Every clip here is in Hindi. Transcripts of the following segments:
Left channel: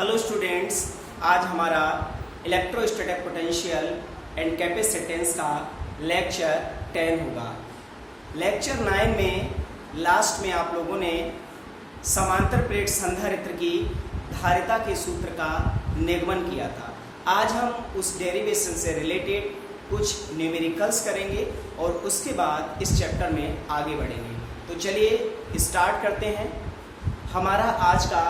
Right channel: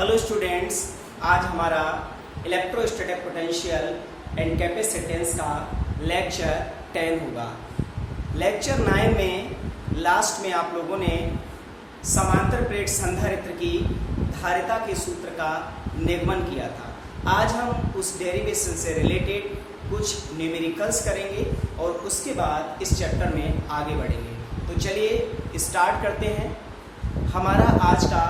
हेलो स्टूडेंट्स, आज हमारा इलेक्ट्रोस्टैटिक पोटेंशियल एंड कैपेसिटेंस का लेक्चर 10 होगा। लेक्चर 9 में लास्ट में आप लोगों ने समांतर प्लेट संधारित्र की धारिता के सूत्र का निगमन किया था। आज हम उस डेरिवेशन से रिलेटेड कुछ न्यूमेरिकल्स करेंगे और उसके बाद इस चैप्टर में आगे बढ़ेंगे। तो चलिए स्टार्ट करते हैं। हमारा आज का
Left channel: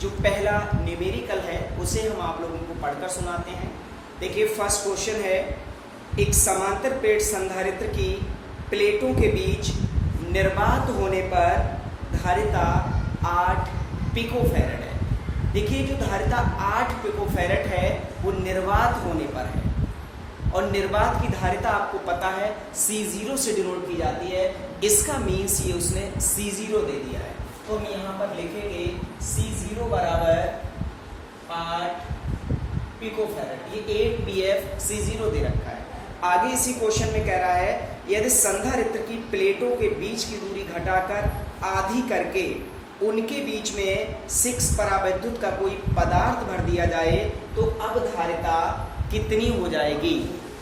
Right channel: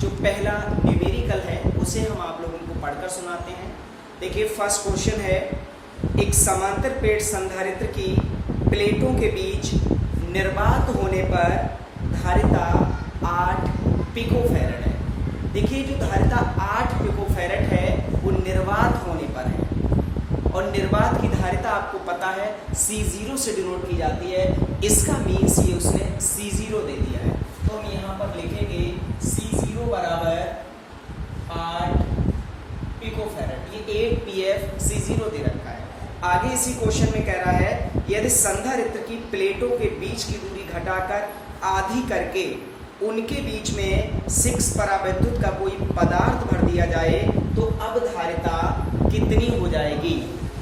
जो पहला न्यूमेरिकल है उसे हम आप लोगों को पढ़कर सुनाते हैं। देखिए, फर्स्ट क्वेश्चन है, एक समांतर प्लेट संधारित्र की प्लेटों के बीच निर्वात होने पर धारिता 8 पिकोफैरड है। देखिए, जो धारिता 8 पिकोफैरड है वो निर्वात होने पर है और निर्वात की धारिता आपको पता है C0 से डिनोट की जाती है। इसका मीन्स ये उसने C0 दे दिया है, तो हम यहाँ पर लिखेंगे C0 बराबर 8 पिकोफैरड। ये 8 pF C0 दे रखा है। आगे इसी क्वेश्चन में कह रहा है, यदि संधारित्र की प्लेटों के बीच की दूरी घटाकर आधी करके उनके बीच में 6 परावैद्युत का कोई पदार्थ भर दिया जाए तो अब धारिता कितनी हो जाएगी।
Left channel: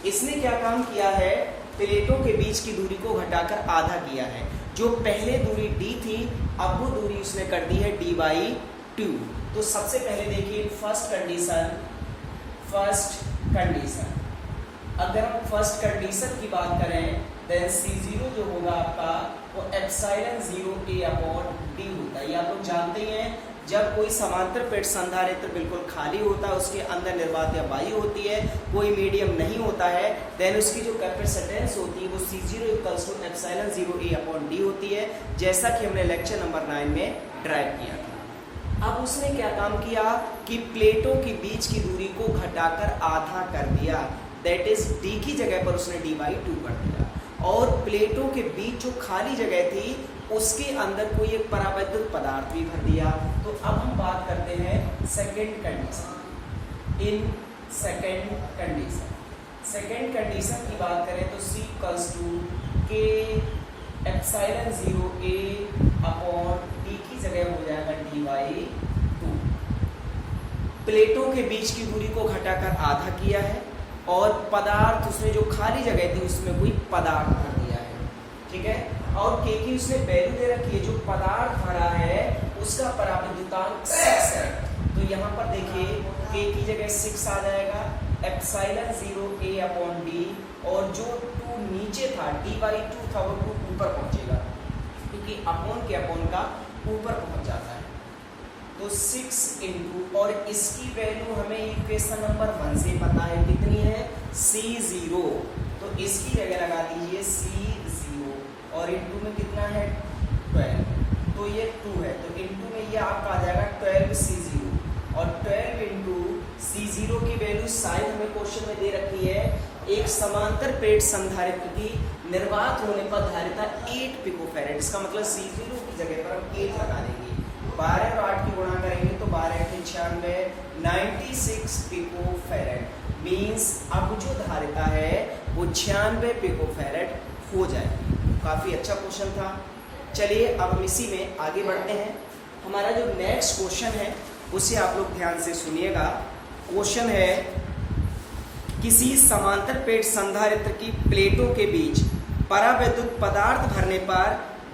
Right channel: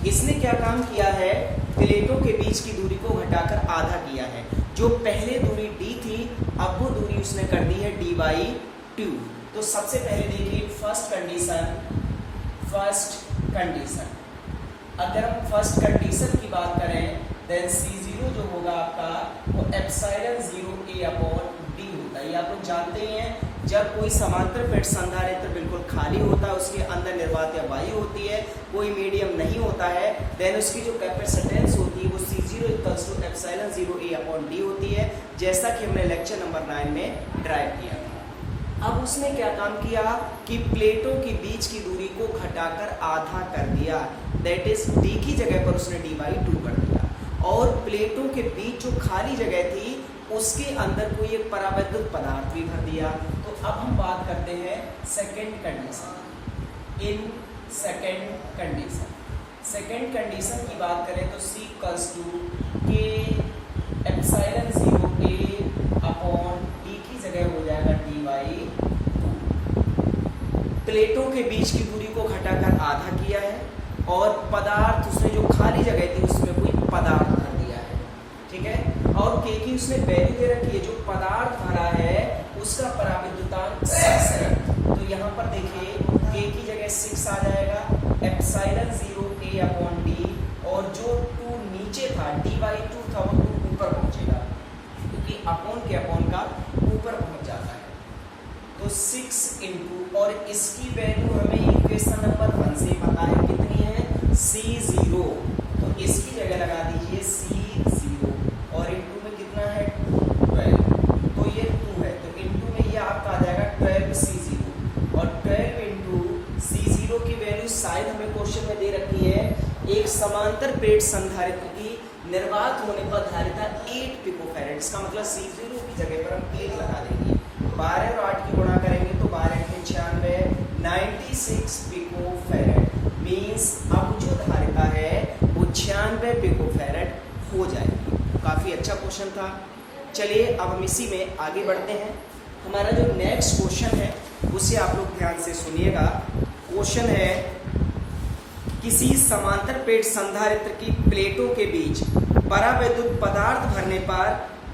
इसने क्या काम किया है, प्लेटों के बीच की दूरी को घटाकर आधा किया है। जो पहले दूरी d थी, अब वो दूरी उसने कर दी है d/2। तो सबसे पहले देखिए फर्स्ट कंडीशन, अगर हम फर्स्ट कंडीशन की बात करें देन C0 जो होगा आपका वो ε0A/d होता है। ये आप लोग जानते हैं, जब कोई समांतर प्लेट संधारित्र बिल्कुल खाली होता है, उसके अंदर निर्वात या वायु होती है, कोई मीडियम नहीं होता है, देन उसकी जो कैपेसिटेंस होती है वो C0 = ε0A/d होती है, जैसा कि हमने लेक्चर नंबर 9 में ड्राइव किया था। अब उसने क्या काम किया कि प्लेटों के बीच की दूरी को घटाकर आधा कर दिया, दैट इज d की जगह पर उसने d/2 कर दिया और प्लेटों के बीच जो खाली जगह थी उसके अंदर कोई एक परावैद्युत पदार्थ भी भर दिया। तो अब हम बात करते हैं second condition. In second condition की बात करें तो C = K ε0A/d की जगह हो जाएगा d/2। प्लेटों के बीच की दूरी को घटाकर आधा किया है और पदार्थ उसने जो खाली जगह थी उसमें कोई पदार्थ भर दिया है, ठीक है। और K की उसने वैल्यू दे रखी है, जो पदार्थ भरा है उसका परावैद्युतांक 6 है। तो यहाँ पर देखिए K की जगह 6 आ जाएगा, ε0A/d और जो 2 नीचे था d/2 था वो 2 ऊपर पहुंचेगा, क्योंकि अपॉन के अपॉन का ऊपर पहुंच जाता है। तो 6 इंटू, और इसकी वैल्यू हमें इक्वेशन नंबर 1 से पता है कितनी है, C0। तो इसकी जगह लगा दीजिए C0 और इंटू में कितना है 12, तो ये 2 है, तो इंटू में ये आपका आ जाएगा 12 C0 और 12 इंटू C0 की वैल्यू शायद हमें क्वेश्चन में दे रखी है। एक समांतर प्लेट संधारित्र की निर्वात होने पर धारिता 8 पिकोफैरड, इसका मतलब C0 की जगह पर हम 8 लगा देंगे। 12 और 8 की गुणा करेंगे तो 12 × 96 96 पिकोफैरड मीन्स अब जो धारिता है वो 96 पिकोफैरड हो जाएगी। काफी अच्छा क्वेश्चन था। चलिए अब हम इसी में आगे बढ़ते हैं। हमारा जो नेक्स्ट क्वेश्चन है उसे आप लोग ध्यान से सुनिएगा। क्वेश्चन है, किसी समांतर प्लेट संधारित्र की प्लेटों के बीच परावैद्युत पदार्थ भरने पर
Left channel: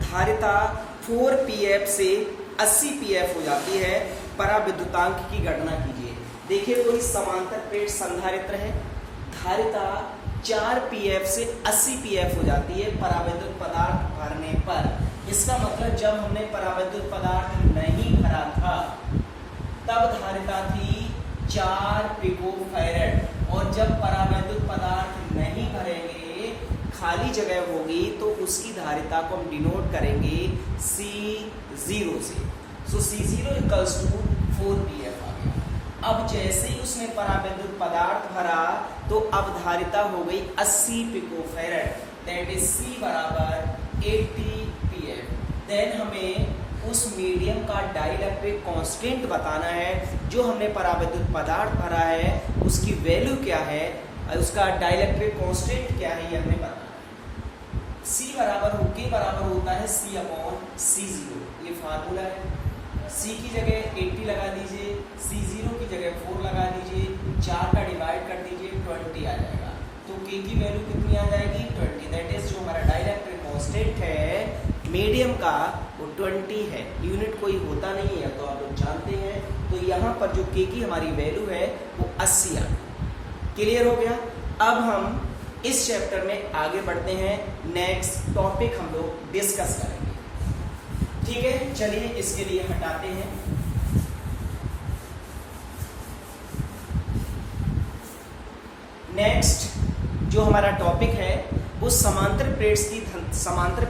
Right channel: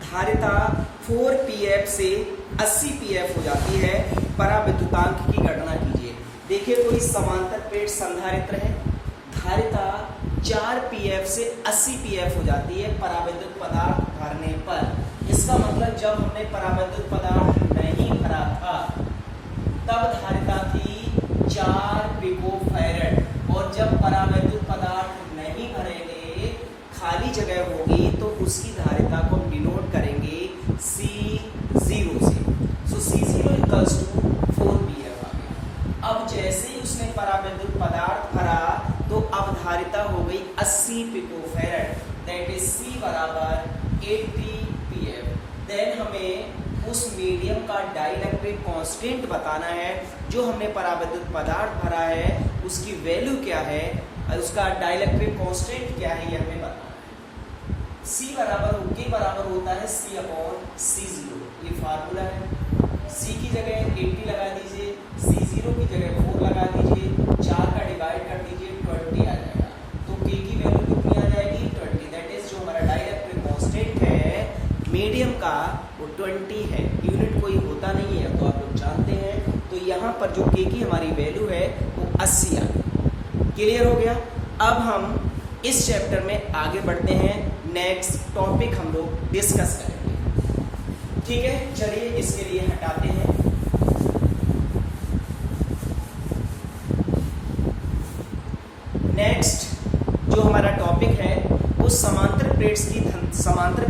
धारिता 4 pF से 80 pF हो जाती है। परावैद्युतांक की गणना कीजिए। देखिए, कोई समांतर प्लेट संधारित्र है, धारिता 4 pF से 80 pF हो जाती है परावैद्युत पदार्थ भरने पर। इसका मतलब जब हमने परावैद्युत पदार्थ नहीं भरा था तब धारिता थी 4 पिकोफैरड, और जब परावैद्युत पदार्थ नहीं भरेंगे, खाली जगह होगी, तो उसकी धारिता को हम डिनोट करेंगे C0 से। सो C0 = 4 pF आ गया। अब जैसे ही उसने परावैद्युत पदार्थ भरा तो अब धारिता हो गई 80 picofarad, that is C = 80 pF। Then हमें उस मीडियम का डाइलेक्ट्रिक कांस्टेंट बताना है, जो हमने परावैद्युत पदार्थ भरा है उसकी वैल्यू क्या है, उसका डाइलेक्ट्रिक कांस्टेंट क्या है, ये हमें बताना है। K बराबर होता है C/C0, ये फार्मूला है। सी की जगह 80 लगा दीजिए, C0 की जगह 4 लगा दीजिए, 4 का डिवाइड कर दीजिए, 20 आ जाएगा। तो K की वैल्यू कितनी आ जाएगी? 20। दैट इज जो हमारा डाइलेक्ट्रिक कांस्टेंट है मीडियम का वो 20 है। यूनिट कोई होता नहीं है तो आप लोग जानते हैं। तो यहाँ पर जो K की हमारी वैल्यू है वो 80 आ गई। क्लियर हो गया? अब हम इस चैप्टर में आगे बढ़ते हैं। नेक्स्ट टॉपिक हम लोग डिस्कस करेंगे। ठीक है, चलिए इसके लिए हटाते हैं। नेक्स्ट जो हमारा टॉपिक है वो समांतर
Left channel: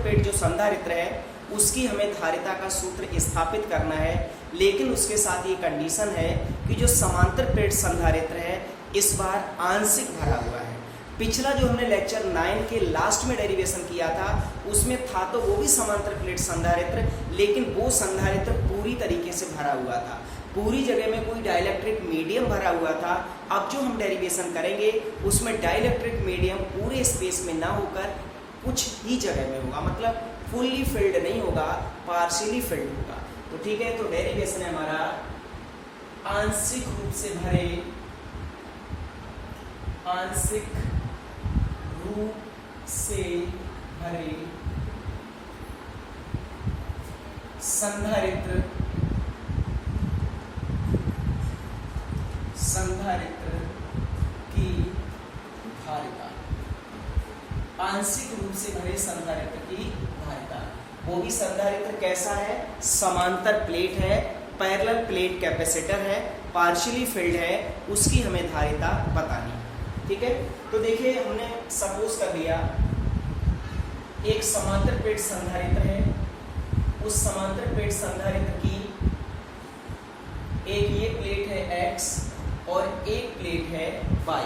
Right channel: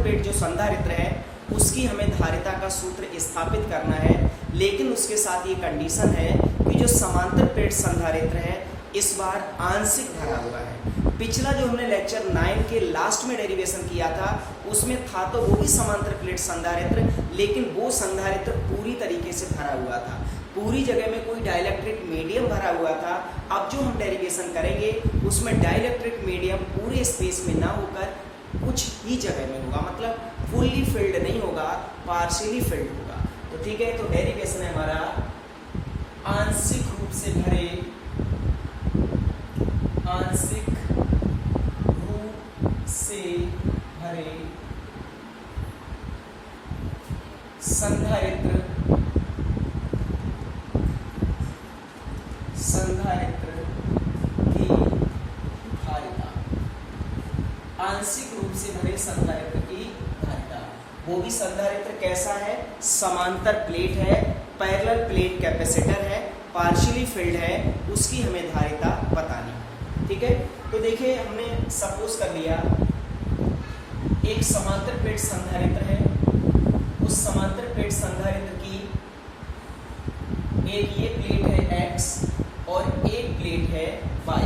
प्लेट जो संधारित्र है उसकी हमें धारिता का सूत्र स्थापित करना है। लेकिन उसके साथ ये कंडीशन है कि जो समांतर प्लेट संधारित्र है इस बार आंशिक भरा हुआ है। पिछला जो हमने लेक्चर 9 के लास्ट में डेरिवेशन किया था उसमें था तो वो भी समांतर प्लेट संधारित्र, लेकिन वो संधारित्र पूरी तरीके से भरा हुआ था, पूरी जगह में कोई डाइलेक्ट्रिक मीडियम भरा हुआ था। अब जो हम डेरिवेशन करेंगे उसमें डाइलेक्ट्रिक मीडियम पूरे स्पेस में ना होकर कुछ ही जगह में होगा, मतलब फुल्ली फिल्ड नहीं होगा, पार्शियली फिल्ड होगा। तो ठीक है, तो डेरिवेशन है हमारा आंशिक रूप से भरे संधारित्र की धारिता, आंशिक रूप से भरे संधारित्र की धारिता। वो भी संधारित्र कैसा है? समांतर प्लेट है, पैरेलल प्लेट कैपेसिटर है, पार्शियली फिल्ड है, उसकी हमें धारिता बतानी। ठीक है, तो देखिए हमने सपोज कर लिया एक समांतर प्लेट संधारित्र है, उस समांतर प्लेट संधारित्र की एक ये प्लेट है X और एक प्लेट है Y।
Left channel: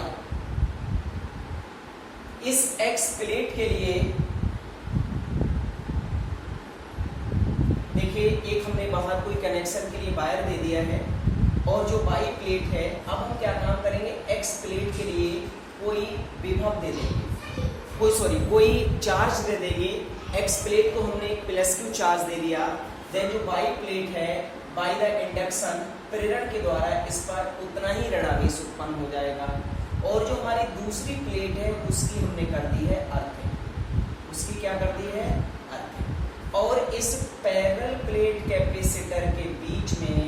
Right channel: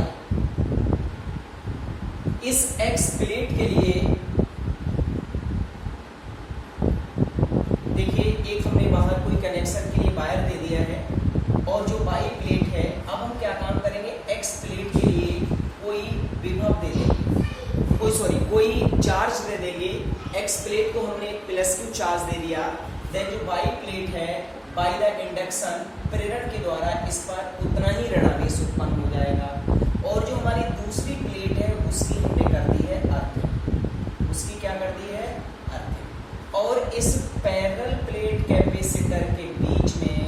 इस X प्लेट के लिए देखिए एक हमने बाहर कोई कनेक्शन के लिए वायर दे दिया है, और जो Y प्लेट है अब हम क्या काम करेंगे, X प्लेट के लिए कोई विभव दे देंगे, कोई चार्ज दे देंगे। X प्लेट को हमने +Q चार्ज दे दिया। देन जो Y प्लेट है बाय द इंडक्शन प्रेरण के द्वारा इस पर उतना ही ऋणावेश उत्पन्न हो जाएगा। और जो हमारी दूसरी प्लेट है उसकी हमने कर दी है अर्थिंग, उसकी क्या कर दी है? अर्थिंग। और इस पैरेलल प्लेट कैपेसिटर के बीच में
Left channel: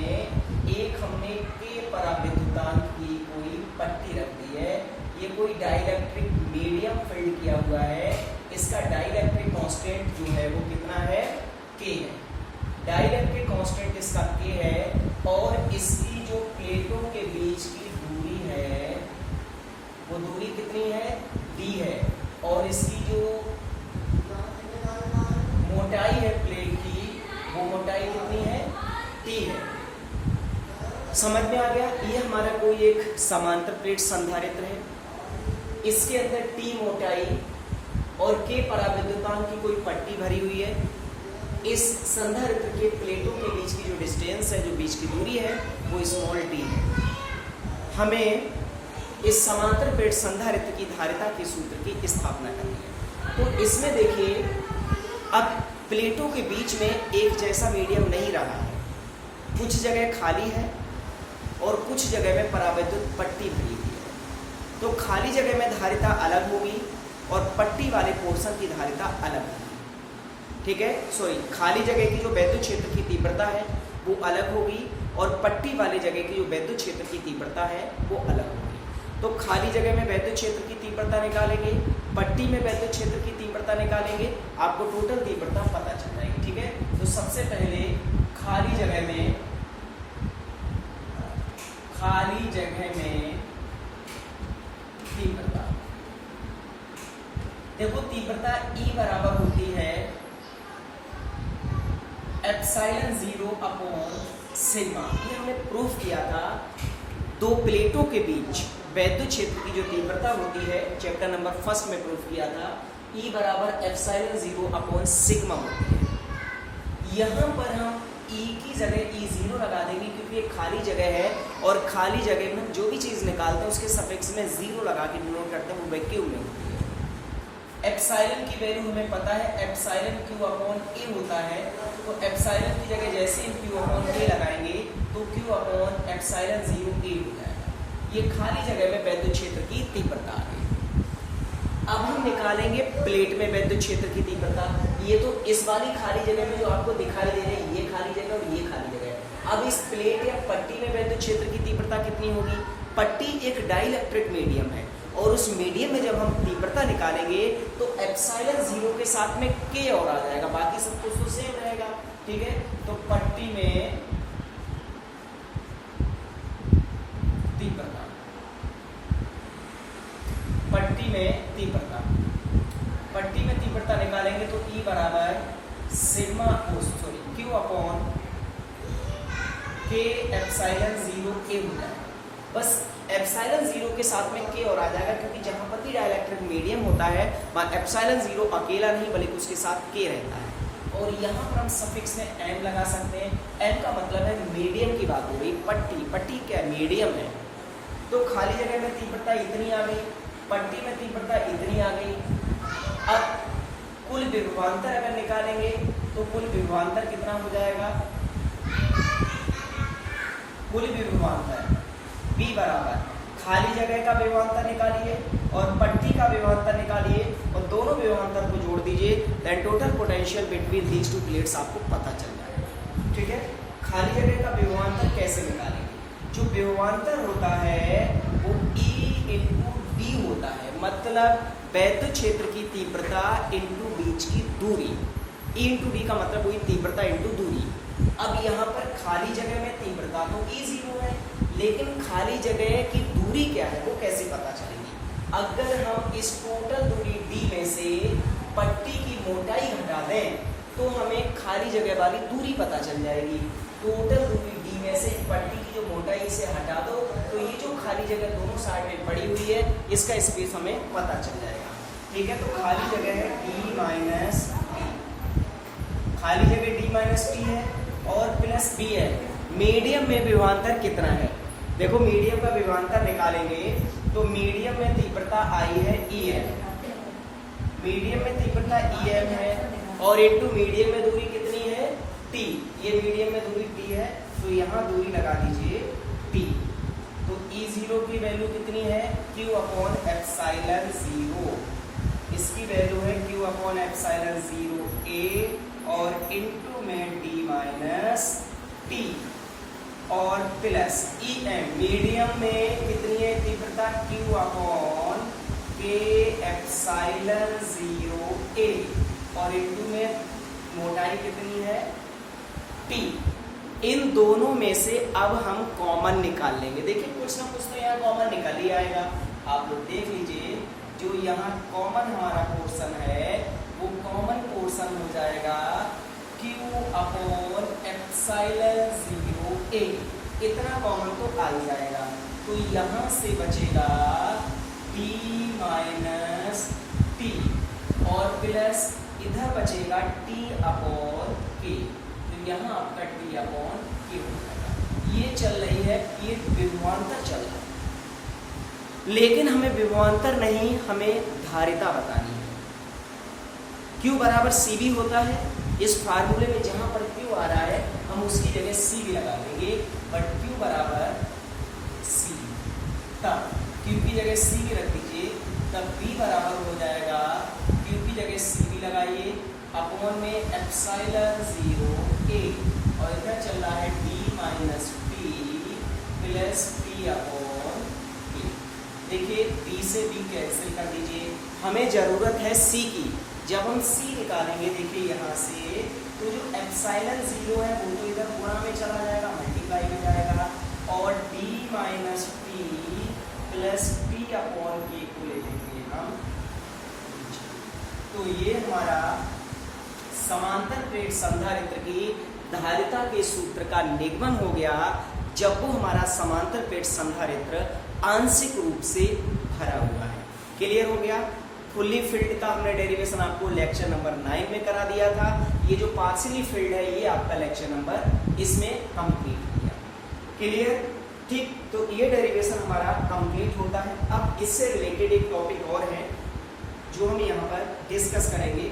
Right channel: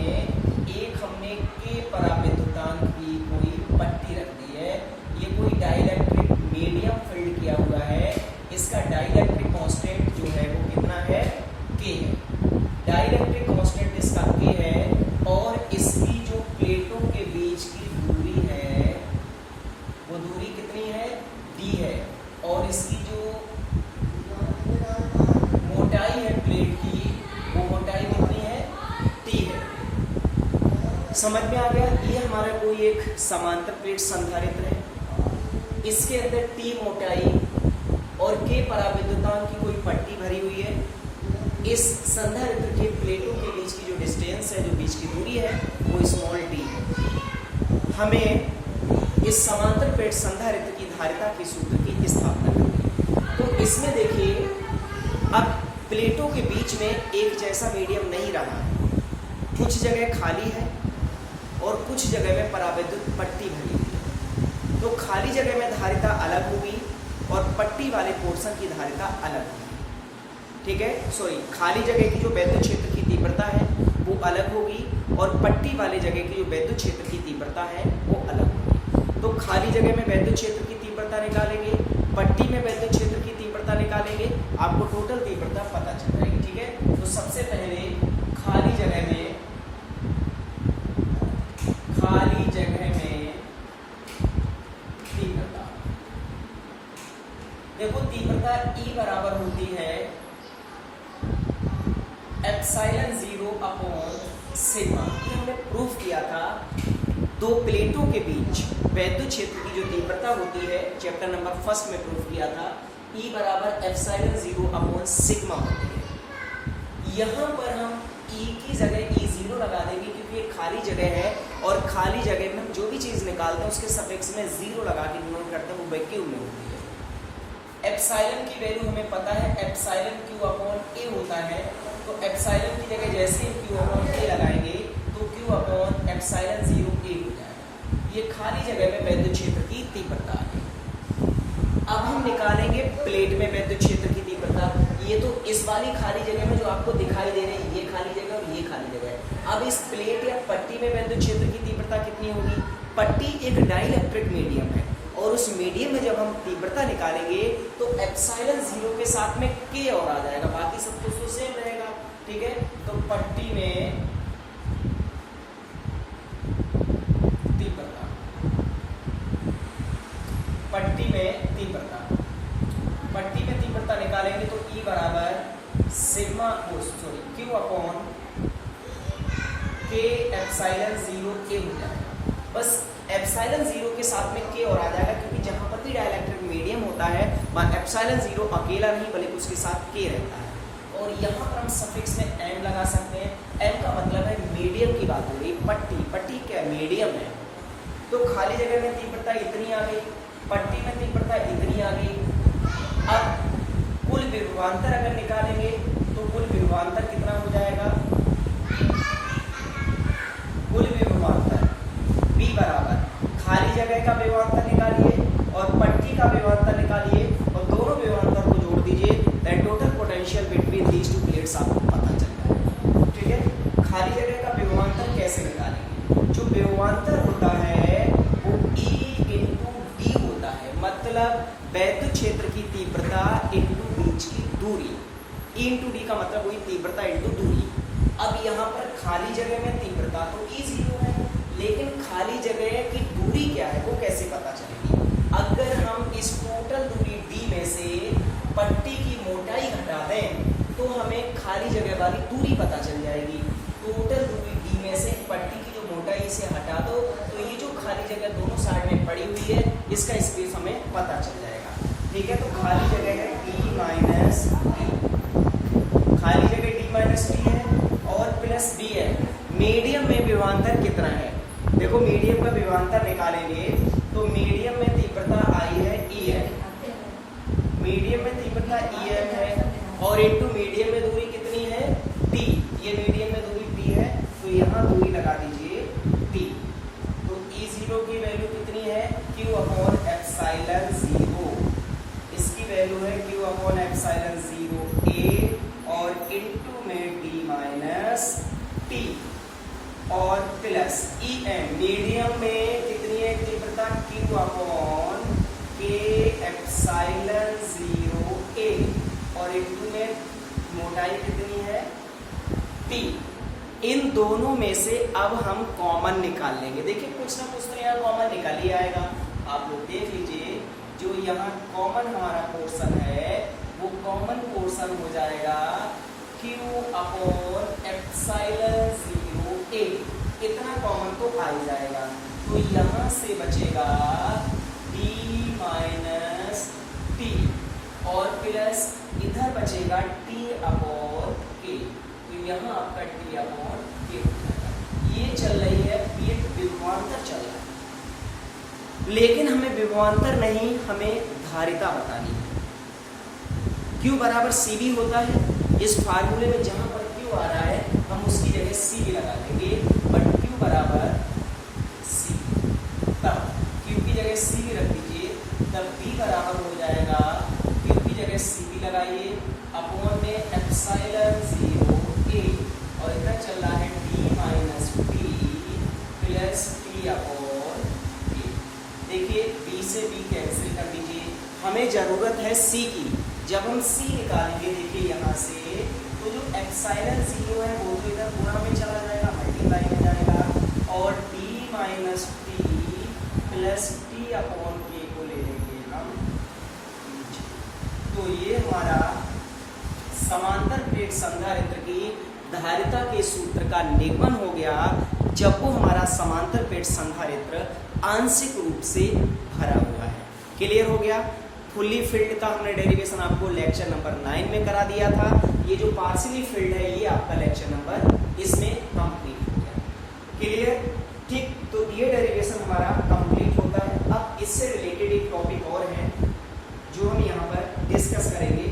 एक हमने K पराविद्युतांक की कोई पट्टी रख दी है। ये कोई डाइलेक्ट्रिक मीडियम फिल्ड किया हुआ है। इसका डाइलेक्ट्रिक कांस्टेंट जो है वो कितना है? K है। डाइलेक्ट्रिक कांस्टेंट इसका K है, और इसकी जो प्लेटों के बीच की दूरी है वो दूरी कितनी है? D है। और इसकी जो मोटाई है प्लेट की वो मोटाई कितनी है? T है। समझ में आ गया? ये हमारा कोई एक समांतर प्लेट संधारित्र है, इसके अंदर T मोटाई और K पराविद्युतांक की कोई पट्टी भरी हुई है। इस संधारित्र के प्लेटों के बीच की जो डिस्टेंस है, जो बीच की दूरी है वो स्मॉल t है। हमें इस समांतर प्लेट संधारित्र की धारिता के सूत्र की स्थापना करनी है। तो इसमें देखिए अब प्लेटों के बीच में एक जैसा मीडियम नहीं रहा है, कुछ जगह खाली है और कुछ जगह में परावैद्युत पट्टी भरी हुई है। तो खाली जगह में धारिता अलग होगी और पट्टी वाले पोर्शन की धारिता अलग होगी। ठीक है, खाली जगह की जो वैद्युत क्षेत्र की तीव्रता है वो अलग होगी और पट्टी वाली जगह की जो वैद्युत क्षेत्र की तीव्रता है वो अलग होगी। तो खाली जगह में वैद्युत क्षेत्र की तीव्रता निकालेंगे, पट्टी में वैद्युत क्षेत्र की तीव्रता निकालेंगे, आपको टोटल तीव्रता पता चल जाएगी। ठीक है, तो सबसे पहले खाली जगह में तीव्रता, देखो तीव्रता E बराबर होती है ε0 अपॉन सिग्मा। ये हमने प्रूफ किया था। दो प्लेटों के बीच वैद्युत क्षेत्र की जो तीव्रता होती है चैप्टर नंबर 1 में प्रूफ किया था, E बराबर ε0 अपॉन सिग्मा होती है। यहाँ पर हम E की जगह E0 लगा देंगे क्योंकि ये खाली जगह है और खाली जगह में जो भी चीज निकालते हैं उसके सफिक्स में 0 लगा के डिनोट करते हैं, वो वैक्यूम में होती है। एप्सिलॉन की वैल्यू हमें पता है, एप्सिलॉन Q अपॉन A होता है। तो एप्सिलॉन की जगह जैसे ही क्यू अपॉन के लगाएंगे तो क्यू अपॉन एप्सिलॉन 0 ए हो जाएगा। ये खाली जगह में वैद्युत क्षेत्र की तीव्रता है। अब हम निकालेंगे प्लेट में वैद्युत क्षेत्र की तीव्रता। ये तो इस वाली खाली जगह में जो आपको दिखाई दे रहे हैं, ये खाली जगह और ये खाली जगह। अब इस प्लेट या पट्टी में वैद्युत क्षेत्र की तीव्रता कितनी होगी? पट्टी एक डाइलेक्ट्रिक मीडियम है और उस मीडियम में जब हम तीव्रता निकालेंगे तो एप्सिलॉन 0 के साथ में के और आ जाएगा, बाकी सब कुछ तो सेम रहेगा। ठीक है, तो पट्टी में तीव्रता, पट्टी में तीव्रता निकालेंगे तो E बराबर सिग्मा क्यू अपॉन के एप्सिलॉन 0 के हो जाएगा। बस एप्सिलॉन 0 के साथ में के और आ जाएगा, क्योंकि जहां पर भी डाइलेक्ट्रिक मीडियम होता है वहां एप्सिलॉन 0 अकेला नहीं बल्कि उसके साथ के रहता है। और यहाँ पर हम सफिक्स में m लगा सकते हैं। m का मतलब है मीडियम की बात हो गई। पट्टी क्या मीडियम है, तो खाली जगह में तीव्रता इतनी आ गई, पट्टी में तीव्रता इतनी आ गई। अब कुल विभवांतर अगर निकालेंगे तो कुल विभवांतर कितना हो जाएगा? कुल विभवांतर V बराबर खाली जगह का विभवांतर निकालिए और पट्टी का विभवांतर निकालिए और दोनों विभवांतर को जोड़ दीजिए, that total potential between these two plates आपको पता चल जाएगा। ठीक है, खाली जगह का विभवांतर कैसे निकालेंगे? जो विभवांतर होता है वो E इंटू डी होता है, मतलब वैद्युत क्षेत्र की तीव्रता इंटू बीच की दूरी। E इंटू डी का मतलब वही तीव्रता इंटू दूरी। अब यहाँ पर खाली जगह में तीव्रता तो E0 है, लेकिन खाली जगह की दूरी क्या है वो कैसे पता चलेगी? अगर हम इस टोटल दूरी D में से पट्टी की मोटाई घटा दें तो हमें खाली जगह वाली दूरी पता चल जाएगी। टोटल दूरी D में से पट्टी की जो मोटाई से हटा दो तो ये जो खाली जगह दोनों साइड में पड़ी हुई है इसका स्पेस हमें पता चल जाएगा। ठीक है, तो खाली जगह है D माइनस डी, खाली जगह D माइनस डी है और प्लस B है। मीडियम में विभवांतर कितना है? देखो मीडियम का विभवांतर निकालेंगे तो मीडियम में तीव्रता आई है EM, मीडियम में तीव्रता EM है और इनटू मीडियम में दूरी कितनी है? T। ये मीडियम में दूरी T है तो यहाँ दूरी लगा दीजिए T। तो E0 की वैल्यू कितनी है? Q upon epsilon 0। इसकी वैल्यू है Q अपॉन एप्सिलॉन 0A और इनटू में D माइनस T और प्लस EM। मीडियम में कितनी है तीव्रता? Q अपॉन के एप्सिलॉन 0A और इनटू में मोटाई कितनी है? T। इन दोनों में से अब हम कॉमन निकाल लेंगे। देखिए कुछ ना कुछ तो यहाँ कॉमन निकल ही आएगा। आप लोग देख लीजिए, जो यहाँ कॉमन हमारा पोर्शन है वो कॉमन पोर्शन हो जाएगा Q अपॉन एप्सिलॉन 0A। इतना कॉमन तो आ ही जाएगा, तो यहाँ से बचेगा D माइनस T और प्लस इधर बचेगा T अपॉन K। तो यहाँ आपका T अपॉन K हो जाएगा। ये चल रही है, ये विभवांतर चल रहा है, लेकिन हमें विभवांतर नहीं, हमें धारिता बतानी है। Q बराबर CV होता है। इस फार्मूले में जहां पर Q आ रहा है हम उसकी जगह C भी लगा देंगे, बट Q बराबर C। तब Q की जगह C भी रख दीजिए, तब B बराबर हो जाएगा Q की जगह C भी लगाइए अपॉन में एप्सिलॉन 0A और इधर चल रहा है D minus T plus T upon K। देखिए B से B कैंसिल कर दीजिए, हमें जरूरत है C की। जब हम C निकालेंगे देखिए यहाँ से, तो जो एप्सिलॉन 0 है वो तो इधर गुणा में चला जाएगा, मल्टीप्लाई हो जाएगा और D minus T plus T upon K को ले लेंगे हम। तो ये हमारा समांतर प्लेट संधारित्र की धारिता के सूत्र का निगमन हो गया, जब वो हमारा समांतर प्लेट संधारित्र आंशिक रूप से भरा हुआ है। क्लियर हो गया? फुल्ली फिल्ड का हमने डेरिवेशन आपको लेक्चर नंबर 9 में करा दिया था। ये जो पार्शियली फिल्ड है ये आपका लेक्चर नंबर इसमें कंप्लीट हो गया। क्लियर? ठीक, तो ये डेरिवेशन हमारा कंप्लीट होता है। अब इससे रिलेटेड एक टॉपिक और है जो हम यहाँ पर डिस्कस करेंगे।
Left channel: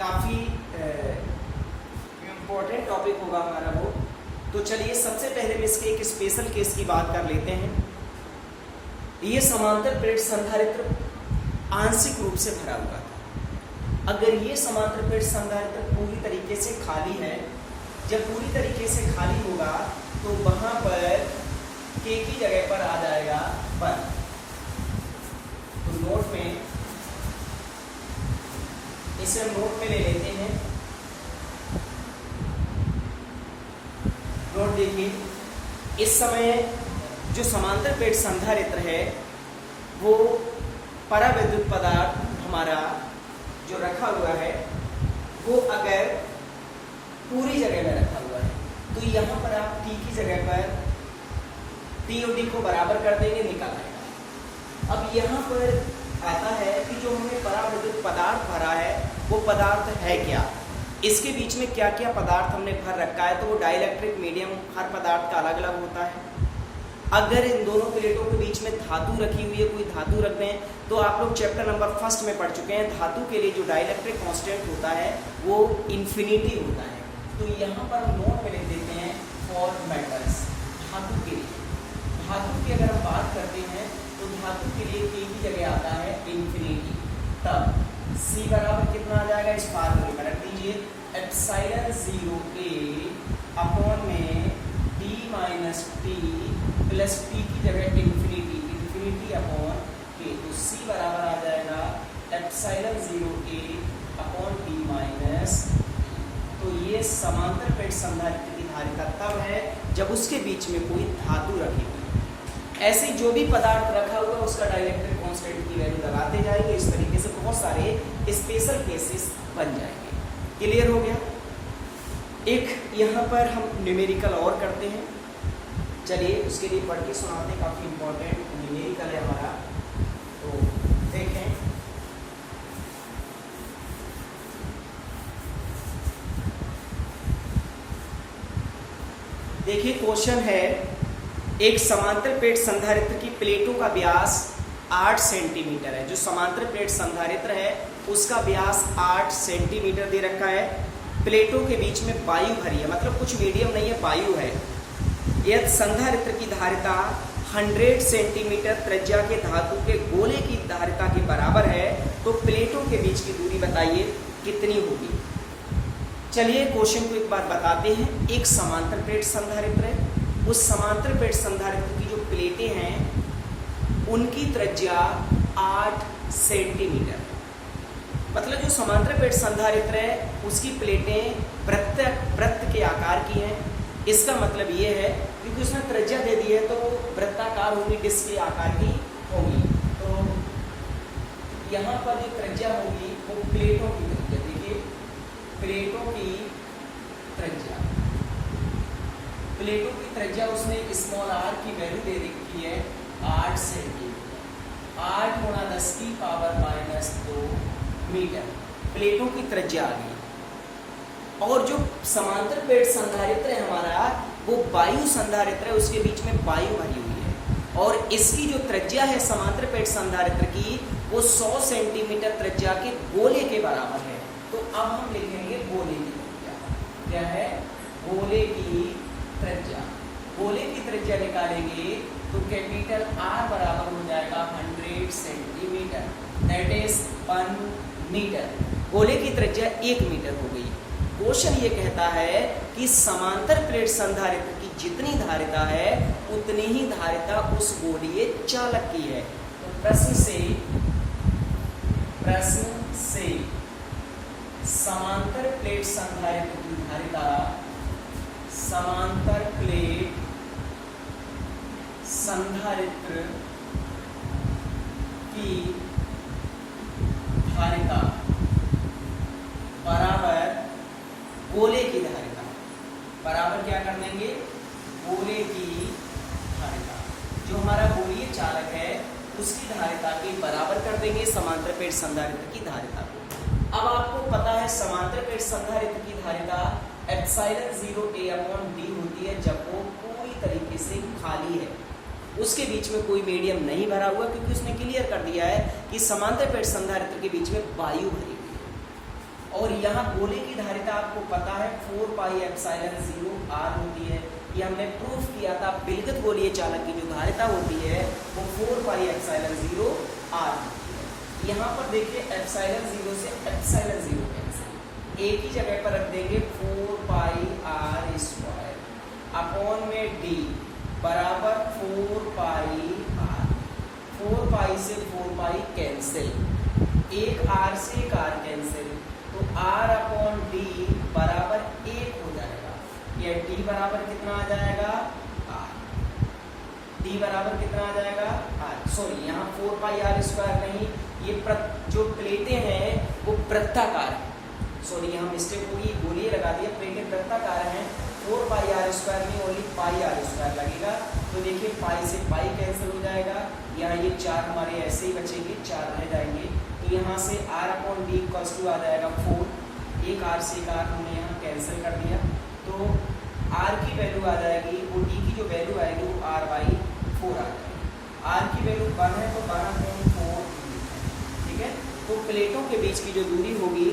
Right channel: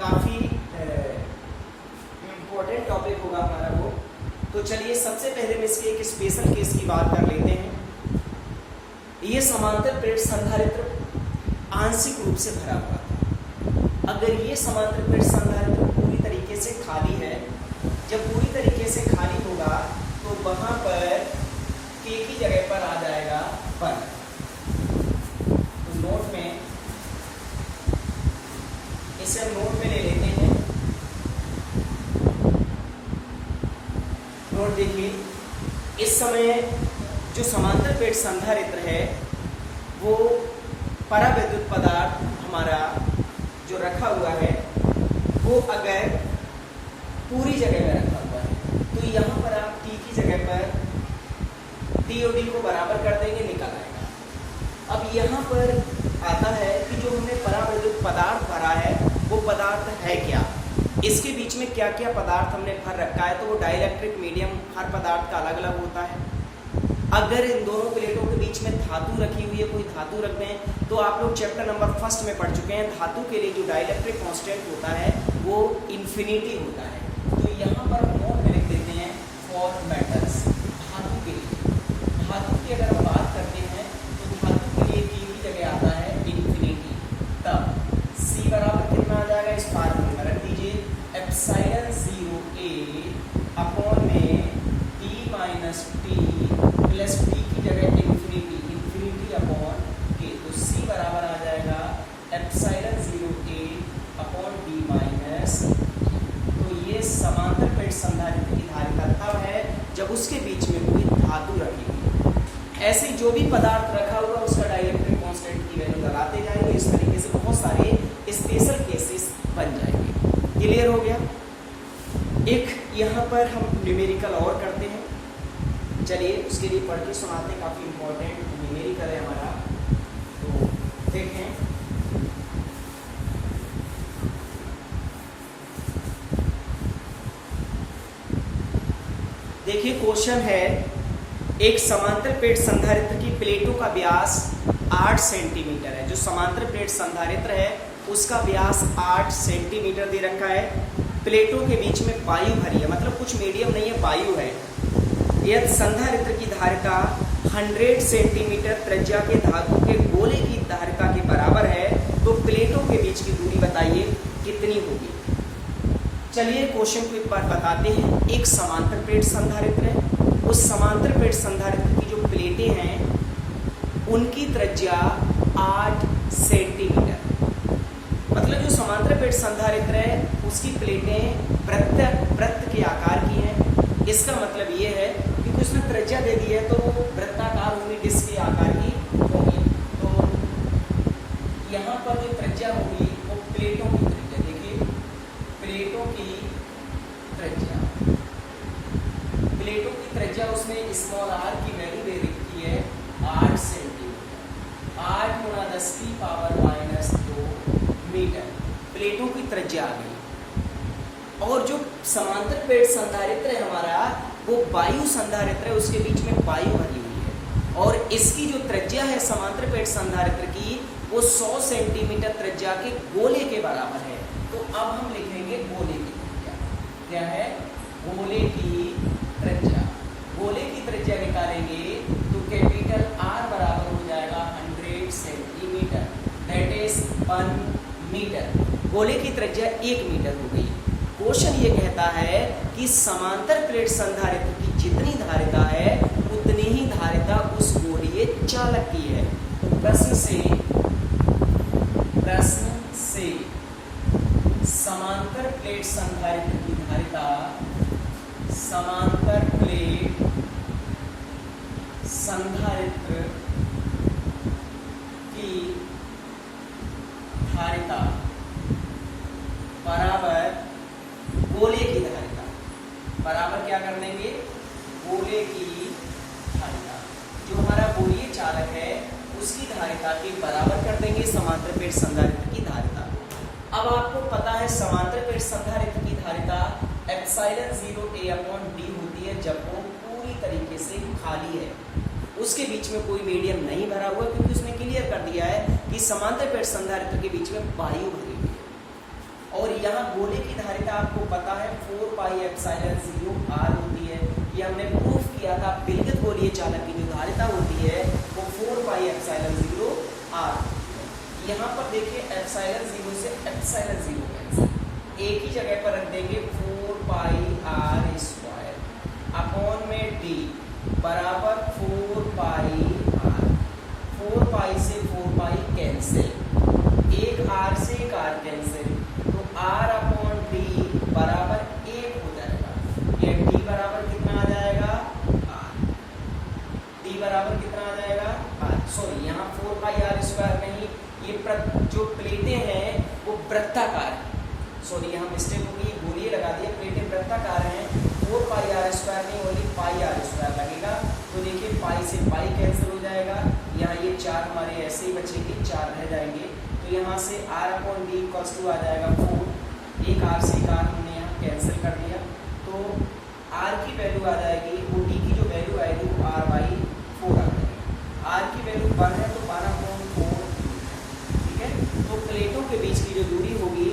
काफी हमारा वो। तो चलिए सबसे पहले हम इसके एक स्पेशल केस की बात कर लेते हैं। ये समांतर प्लेट संधारित्र आंशिक रूप से भरा हुआ था। अगर ये समांतर प्लेट संधारित्र पूरी तरीके से खाली है, जब पूरी तरीके से खाली होगा तो वहां पर के की जगह पर आ जाएगा 1। तो नोट में इसे हम नोट में ले लेते हैं। नोट देखिए, इस समय जो समांतर प्लेट संधारित्र है वो परावैद्युत पदार्थ हमारा जो रखा हुआ है वो अगर पूरी जगह में रखा हुआ है तो यहाँ पर आप टी की जगह पर टी और डी को बराबर कर देंगे, निकल आएगा। अब यहाँ पर आता है कि जो हमने परावैद्युत पदार्थ भरा है वो पदार्थ है क्या, इसके बीच में क्या क्या पदार्थ हमने भर रखा है। तो वो डाइलेक्ट्रिक मीडियम हर पदार्थ का अलग अलग होता है। अगर इन दोनों प्लेटों के बीच में धातु रखी हुई है, कोई धातु रख दें, तो आप लोग चैप्टर नंबर 1 में पढ़ चुके हैं, धातु के लिए जो डाइलेक्ट्रिक कांस्टेंट होता है वो इन्फिनिटी होता है। तो यहाँ पर हम नोट में लिख देते हैं फॉर मेटल्स, धातु के लिए। धातु की अगर हम बात करते हैं तो धातु के लिए के की जगह आता है इन्फिनिटी। तब C बराबर कितना आ जाएगा, इस फार्मूले में रख दीजिए, एप्सिलॉन 0A अपॉन में D minus T plus T की जगह इन्फिनिटी, इन्फिनिटी अपॉन के। तो C बराबर आ जाएगा epsilon 0A upon D minus. तो ये समांतर प्लेट संधारित्र की धारिता तब है जब उसके बीच में कोई धातु रखी हुई है। ऐसे जो भी पदार्थ रखा हुआ उसका डाइलेक्ट्रिक कांस्टेंट की वैल्यू लगाते जाएंगे। इस तरीके से बहुत सारे स्पेशल केसेस बन जाएंगे। क्लियर हो गया। एक यहाँ पर हम न्यूमेरिकल और करते हैं, चलिए उसके लिए पढ़ के सुनाते हैं, काफी इंपॉर्टेंट न्यूमेरिकल है हमारा। तो देखें, देखिए क्वेश्चन है, एक समांतर प्लेट संधारित्र की प्लेटों का व्यास 8 सेंटीमीटर है। जो समांतर प्लेट संधारित्र है उसका व्यास 8 सेंटीमीटर दे रखा है। प्लेटों के बीच में वायु भरी है, मतलब कुछ मीडियम नहीं है, वायु है। यदि संधारित्र की धारिता 100 सेंटीमीटर त्रिज्या के धातु के गोले की धारिता के बराबर है तो प्लेटों के बीच की दूरी बताइए कितनी होगी। चलिए क्वेश्चन को एक बार बताते हैं। एक समांतर प्लेट संधारित्र है, उस समांतर प्लेट संधारित्र की जो प्लेटें हैं उनकी त्रिज्या 8 सेंटीमीटर, मतलब जो समांतर प्लेट संधारित्र है उसकी प्लेटें वृत्त के आकार की हैं। इसका मतलब ये है क्योंकि उसने त्रिज्या दे दी है तो वृत्ताकार होगी, डिस्क के आकार की होगी। तो यहाँ पर जो त्रिज्या होगी वो प्लेटों की त्रिज्या, देखिए प्लेटों की त्रिज्या, प्लेटों की त्रिज्या उसने स्मॉल r की वैल्यू दे रखी है 8 सेंटीमीटर, 8 गुणा 10 की पावर माइनस 2 मीटर प्लेटों की त्रिज्या आ गई। और जो समांतर प्लेट संधारित्र है हमारा वो वायु संधारित्र है, उसके बीच में वायु भरी हुई है और इसकी जो त्रिज्या है समांतर प्लेट संधारित्र की वो 100 सेंटीमीटर त्रिज्या के गोले के बराबर है। तो अब हम लिखेंगे गोले की त्रिज्या क्या है, गोले की त्रिज्या। गोले की त्रिज्या निकालेंगे तो कैपिटल R बराबर हो जाएगा 100 सेंटीमीटर, दैट इज 1 मीटर। गोले की त्रिज्या 1 मीटर हो गई। क्वेश्चन ये कहता है कि समांतर प्लेट संधारित्र की जितनी धारिता है उतनी ही धारिता उस गोलीय चालक की है। तो प्रश्न से समांतर प्लेट संधारित्र की धारिता, समांतर प्लेट संधारित्र की धारिता बराबर गोले की धारिता, बराबर क्या कर देंगे, गोले की धारिता। जो हमारा गोलीय चालक है उसकी धारिता के बराबर कर देंगे समांतर प्लेट संधारित्र की धारिता को। अब आपको पता है समांतर प्लेट संधारित्र की धारिता एप्सिलॉन 0A अपॉन D होती है जब वो पूरी तरीके से खाली है, उसके बीच में कोई मीडियम नहीं भरा हुआ, क्योंकि उसने क्लियर कर दिया है कि समांतर प्लेट संधारित्र के बीच में वायु भरी हुई है। और यहाँ गोले की धारिता आपको पता है 4 पाई एप्सिलॉन 0 r होती है। ये हमने प्रूफ किया था, विद्युत गोलीय चालक की जो धारिता होती है वो 4 पाई एप्सिलॉन 0 r। यहाँ पर देखिए एप्सिलॉन 0 से एप्सिलॉन 0 कैंसिल, एक ही जगह पर रख देंगे 4 पाई r स्क्वायर अपॉन में d बराबर 4 पाई r। 4 पाई से 4 पाई कैंसिल, एक r से एक r कैंसिल, तो r अपॉन d बराबर 1 हो जाएगा। ये d बराबर कितना आ जाएगा r, d बराबर कितना आ जाएगा r। सॉरी यहाँ 4 पाई r स्क्वायर नहीं, ये जो प्लेटें हैं वो वृत्ताकार है। सॉरी यहाँ मिस्टेक होगी, गोलीय लगा दिया, प्लेटें वृत्ताकार हैं। 4 पाई r स्क्वायर नहीं, ओनली पाई r स्क्वायर लगेगा। तो देखिए पाई से पाई कैंसिल हो जाएगा, यहाँ ये 4 हमारे ऐसे ही बचेंगे, 4 रह जाएंगे। तो यहाँ से r upon D equals to आ जाएगा 4, एक r से एक r हमने यहाँ कैंसिल कर दिया, तो r की वैल्यू आ जाएगी, वो d की जो वैल्यू आएगी वो r बाई 4 आ जाएगी। r की वैल्यू 1 है तो 1 अपॉन 4, ठीक है। तो प्लेटों के बीच की जो दूरी होगी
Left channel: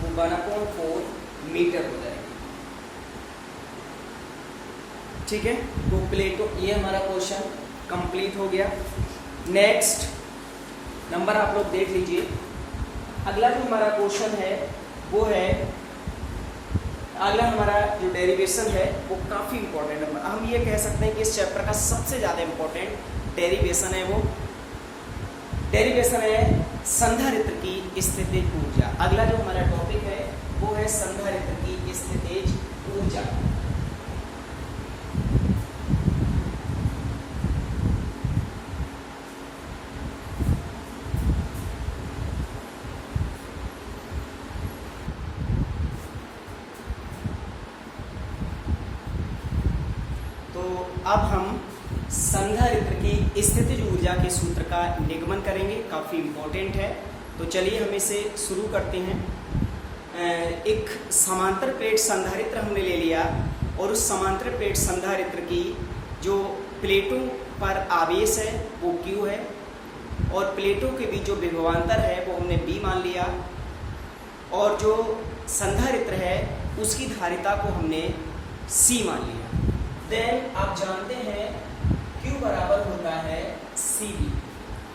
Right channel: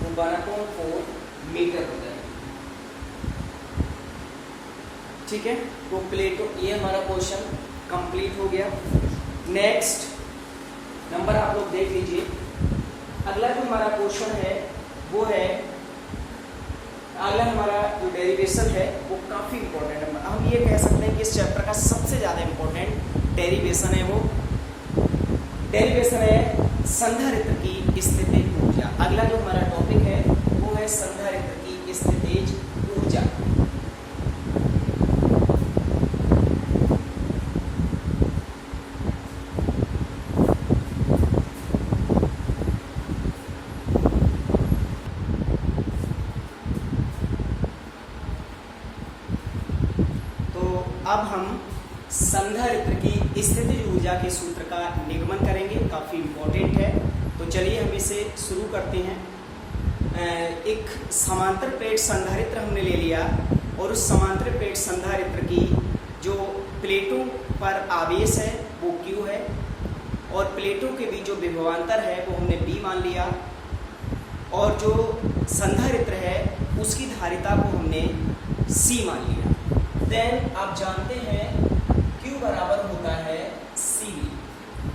वो 1 अपॉन 4 मीटर हो जाएगी, ठीक है। तो प्लेटों, ये हमारा क्वेश्चन कंप्लीट हो गया। नेक्स्ट नंबर आप लोग देख लीजिए। अगला जो हमारा क्वेश्चन है वो है, अगला हमारा जो डेरिवेशन है वो काफी इंपॉर्टेंट है। हम ये कह सकते हैं कि इस चैप्टर का सबसे ज्यादा इंपॉर्टेंट डेरिवेशन है, वो डेरिवेशन है संधारित्र की स्थितिज ऊर्जा। अगला जो हमारा टॉपिक है वो है संधारित्र की स्थितिज ऊर्जा। अब हम संधारित्र की स्थितिज ऊर्जा के सूत्र का निगमन करेंगे, काफी इंपॉर्टेंट है। तो चलिए हम इसे शुरू करते हैं। एक समांतर प्लेट संधारित्र हमने ले लिया और उस समांतर प्लेट संधारित्र की जो प्लेटों पर आवेश है वो Q है और प्लेटों के बीच जो विभवांतर है वो हमने B मान लिया, और जो संधारित्र है उसकी धारिता को हमने C मान लिया। देन आप जानते हैं Q बराबर होता है CV।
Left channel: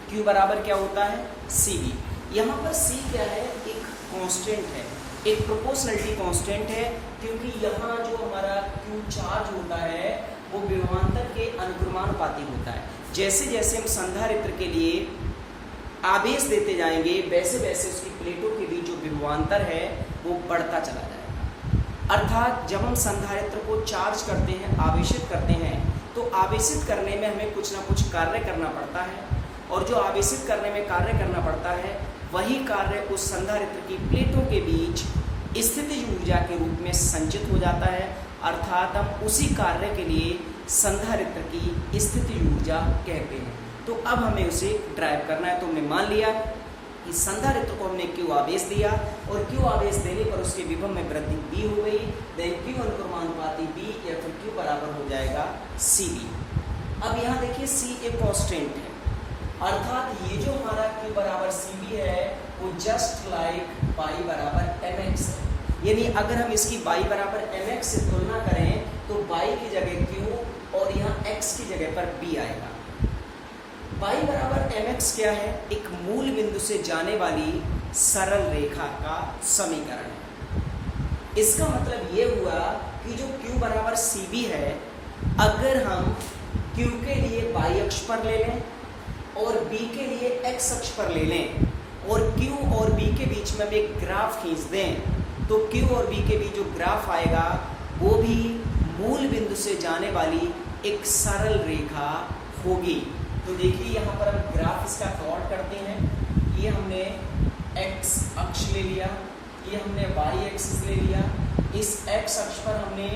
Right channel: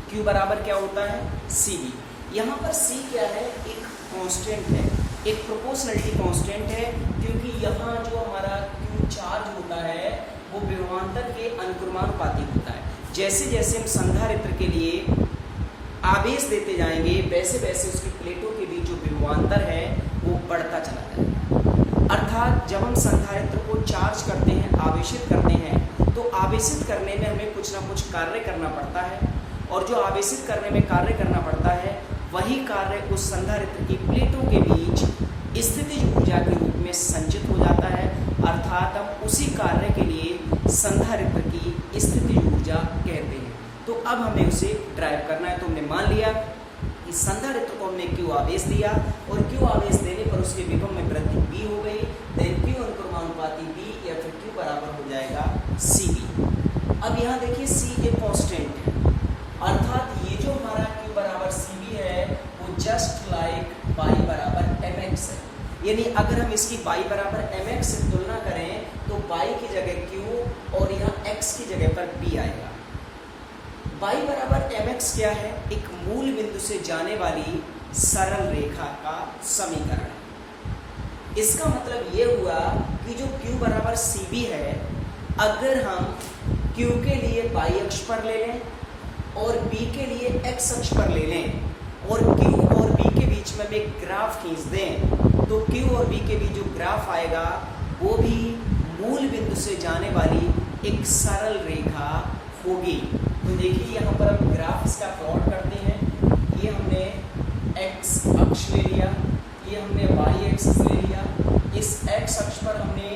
Q बराबर क्या होता है CV। यहाँ पर C क्या है, एक कांस्टेंट है, एक प्रोपोर्शनलिटी कांस्टेंट है, क्योंकि यहाँ जो हमारा Q चार्ज होता है वो विभवांतर के अनुक्रमानुपाती होता है। जैसे जैसे हम संधारित्र के लिए आवेश देते जाएंगे वैसे वैसे उसकी प्लेटों के बीच जो विभवांतर है वो बढ़ता चला जाएगा। अर्थात जब हम संधारित्र को चार्ज करते हैं, आवेशित करते हैं, तो आवेशित करने में हमें कुछ ना कुछ कार्य करना पड़ता है, और जो आवेशित करने में कार्य करना पड़ता है वही कार्य उस संधारित्र की प्लेटों के बीच स्थितिज ऊर्जा के रूप में संचित हो जाता है। अर्थात हम उसी कार्य के लिए संधारित्र की स्थितिज ऊर्जा कहते हैं। तो अब हमें उसे ड्राइव करना है। तो हमने मान लिया कि संधारित्र को हमने Q आवेश दिया और Q आवेश देने पर उसके विभव में वृद्धि B हो गई। देन Q अनुक्रमानुपाती B या फिर Q बराबर हो जाएगा CV। अब यहाँ देखिए C एक कांस्टेंट है, अर्थात ये जो हमारा Q बराबर CV है वो जस्ट लाइक y बराबर mx है। यानी अगर हम इसकी y बराबर mx से तुलना करें तो y की जगह Q और यहाँ x की जगह पर B आएगा। y बराबर mx क्या है, एक मूल बिंदु से जाने वाली सरल रेखा का समीकरण। इसका मतलब ये हुआ कि जो Q बराबर CV है, अगर हम Q के लिए y अक्ष पर ले लें और B के लिए x अक्ष पर ले लें और Q और B के बीच में एक ग्राफ खींच दें, तो Q और B के बीच जो ग्राफ आएगा वो भी मूल बिंदु से जाने वाली एक सरल रेखा होगी। तो देखिए यहाँ पर हम ग्राफ इसका प्लॉट करते हैं। ये हमने x अक्ष ले लिया, ये हमने y एक्सिस ले लिया। इस x अक्ष पर हमने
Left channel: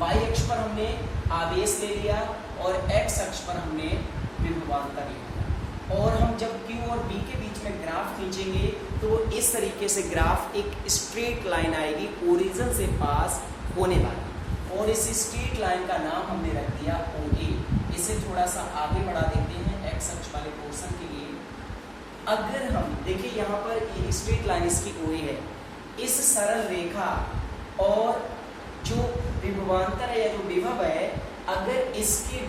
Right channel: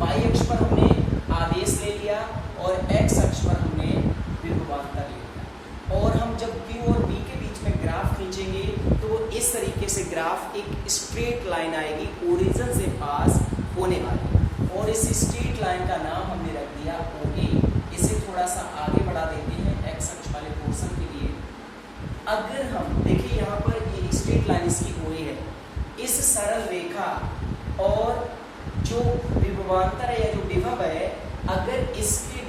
y अक्ष पर हमने आवेश ले लिया और x अक्ष पर हमने विभवांतर ले लिया। और हम जब Q और B के बीच में ग्राफ खींचेंगे तो वो इस तरीके से ग्राफ एक स्ट्रेट लाइन आएगी, ओरिजिन से पास होने वाली, और इस स्ट्रेट लाइन का नाम हमने रख दिया OA। इसे थोड़ा सा आगे बढ़ा देते हैं x अक्ष वाले पोर्शन के लिए। अगर हम देखिए यहाँ पर ये स्ट्रेट लाइन इसकी हुई है, इस सरल रेखा और जो विभवांतर है या जो विभव है, अगर इसके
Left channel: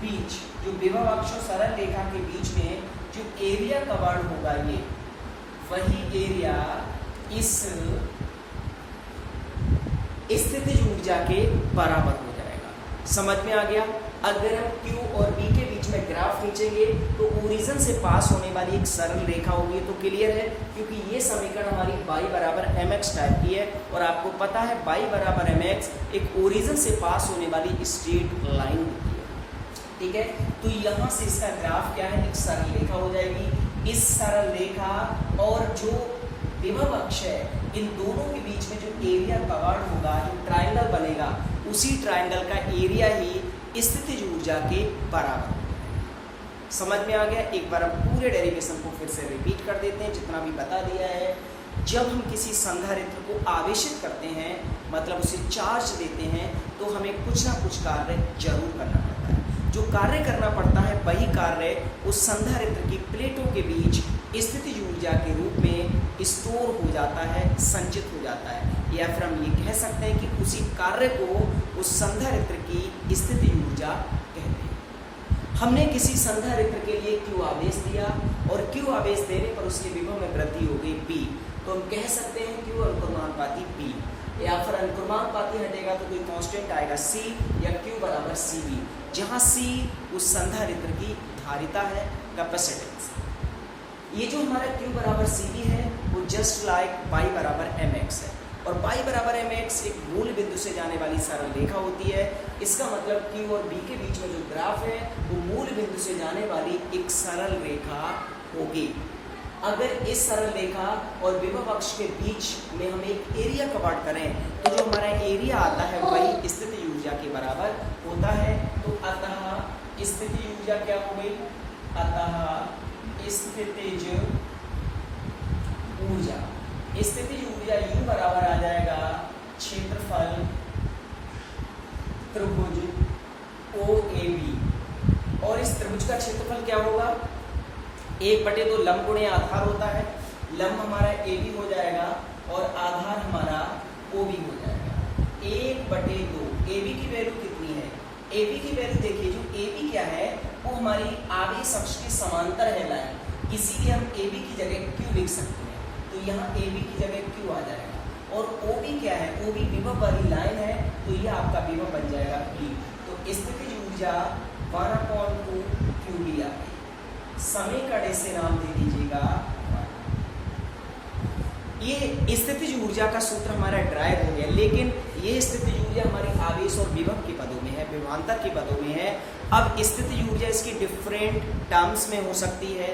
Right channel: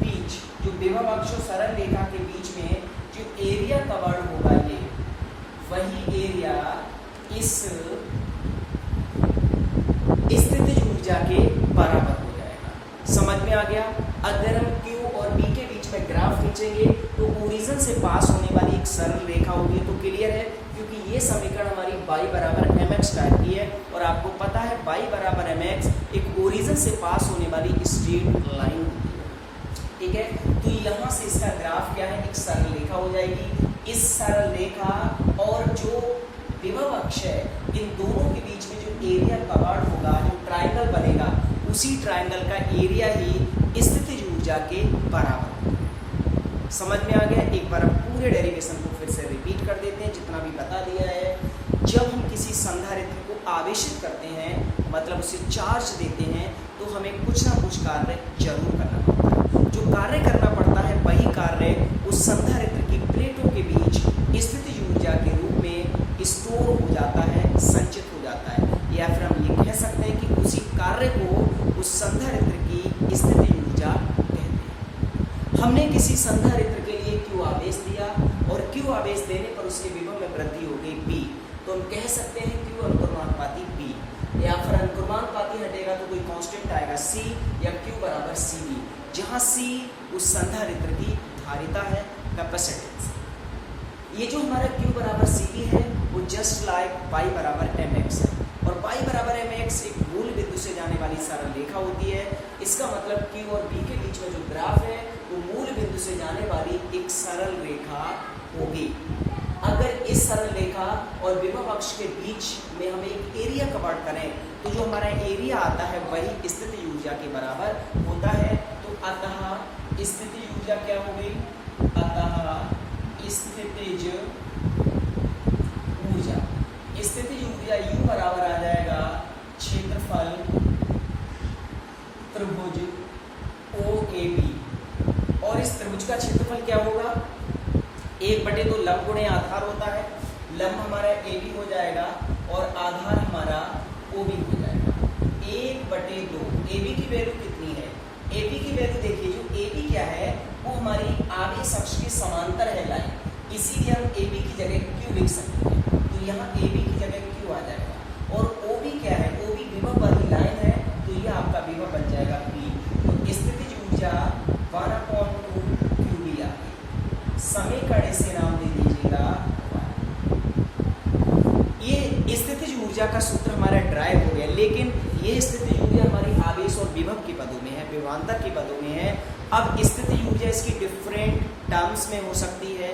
बीच जो विभव अक्ष और सरल रेखा के बीच में जो एरिया कवर्ड होगा, ये वही एरिया इस स्थितिज ऊर्जा के बराबर हो जाएगा। समझ में आ गया? अगर हम Q और B के बीच में ग्राफ खींचेंगे तो ओरिजिन से पास होने वाली एक सरल रेखा होगी, तो क्लियर है, क्योंकि ये समीकरण हमारी y बराबर mx टाइप की है और आपको पता है y बराबर mx एक ओरिजिन से पास होने वाली स्ट्रेट लाइन होती है। ठीक है, तो यहाँ से इसका ग्राफ क्या है, एक सरल रेखा हो जाएगी। इस सरल रेखा और जो विभव अक्ष है, इन दोनों के बीच में जो एरिया कवर्ड होगा, जो ट्राइंगल बनेगा, उसी ट्राइंगल का एरिया ही स्थितिज ऊर्जा के बराबर। समझ में आ गया? एक बार हम पूरे डेरिवेशन को फिर से रिपीट कर देते हैं, जितना भी बता दिया है। जब हम किसी संधारित्र को आवेशित करते हैं, मतलब उसे चार्ज देते हैं, तो हमें कुछ ना कुछ कार्य जरूर करना पड़ता है। जो कार्य करना पड़ता है वही कार्य उस संधारित्र की प्लेटों के बीच स्थितिज ऊर्जा के रूप में स्टोर हो जाता है, संचित हो जाता है, या फिर हम ये कह सकते हैं कि उसी कार्य को उस संधारित्र की स्थितिज ऊर्जा कहते हैं। हमने किसी संधारित्र के लिए Q आवेश दिया और Q आवेश देने पर उसके विभव में वृद्धि हो गई B, तो हम कह सकते हैं Q अनुक्रमानुपाती B, या फिर अनुक्रमानुपाती हटेगा तो कोई कांस्टेंट आएगा C, या Q बराबर CV, जहाँ C उस संधारित्र की धारिता है, कैपेसिटेंस। ये जो हमारा Q बराबर CV है वो जस्ट लाइक y बराबर mx है, और y बराबर mx एक मूल बिंदु से जाने वाली सरल रेखा होती है। इसका मतलब Q और B के बीच में जो ग्राफ है वो मूल बिंदु से जाने वाली एक सरल रेखा होगी। अगर इस सरल रेखा और विभव अक्ष के बीच में हम एक एरिया कवर्ड करें तो जो हमारा एरिया आता है वही स्थितिज ऊर्जा के बराबर होता है। तो अतः स्थितिज ऊर्जा क्या हो गई? अतः स्थितिज ऊर्जा U बराबर आ जाएगा क्षेत्रफल त्रिभुज OAB, और इस त्रिभुज का क्षेत्रफल क्या होगा? 1/2 लंब गुणे आधार होता है। लंब हमारा AB हो जाएगा और आधार हमारा OB हो जाएगा। 1/2 AB की वैल्यू कितनी है? AB की वैल्यू देखिए, जो AB क्या है वो हमारी आवेश अक्ष के समांतर है लाइन, इसीलिए हम AB की जगह Q लिख सकते हैं। तो यहाँ AB की जगह Q आ जाएगा, और OB क्या है? OB विभव वाली लाइन है, तो यह आपका विभव बन जाएगा P। तो स्थितिज ऊर्जा 1/2 QB आ गई। समीकरण से नाम दे दीजिएगा। ये स्थितिज ऊर्जा का सूत्र हमारा ड्राइव हो गया, लेकिन ये स्थितिज ऊर्जा हमारी आवेश और विभव के पदों में है, विभवांतर के पदों में है। अब स्थितिज ऊर्जा इसकी डिफरेंट टर्म्स में हो सकती है।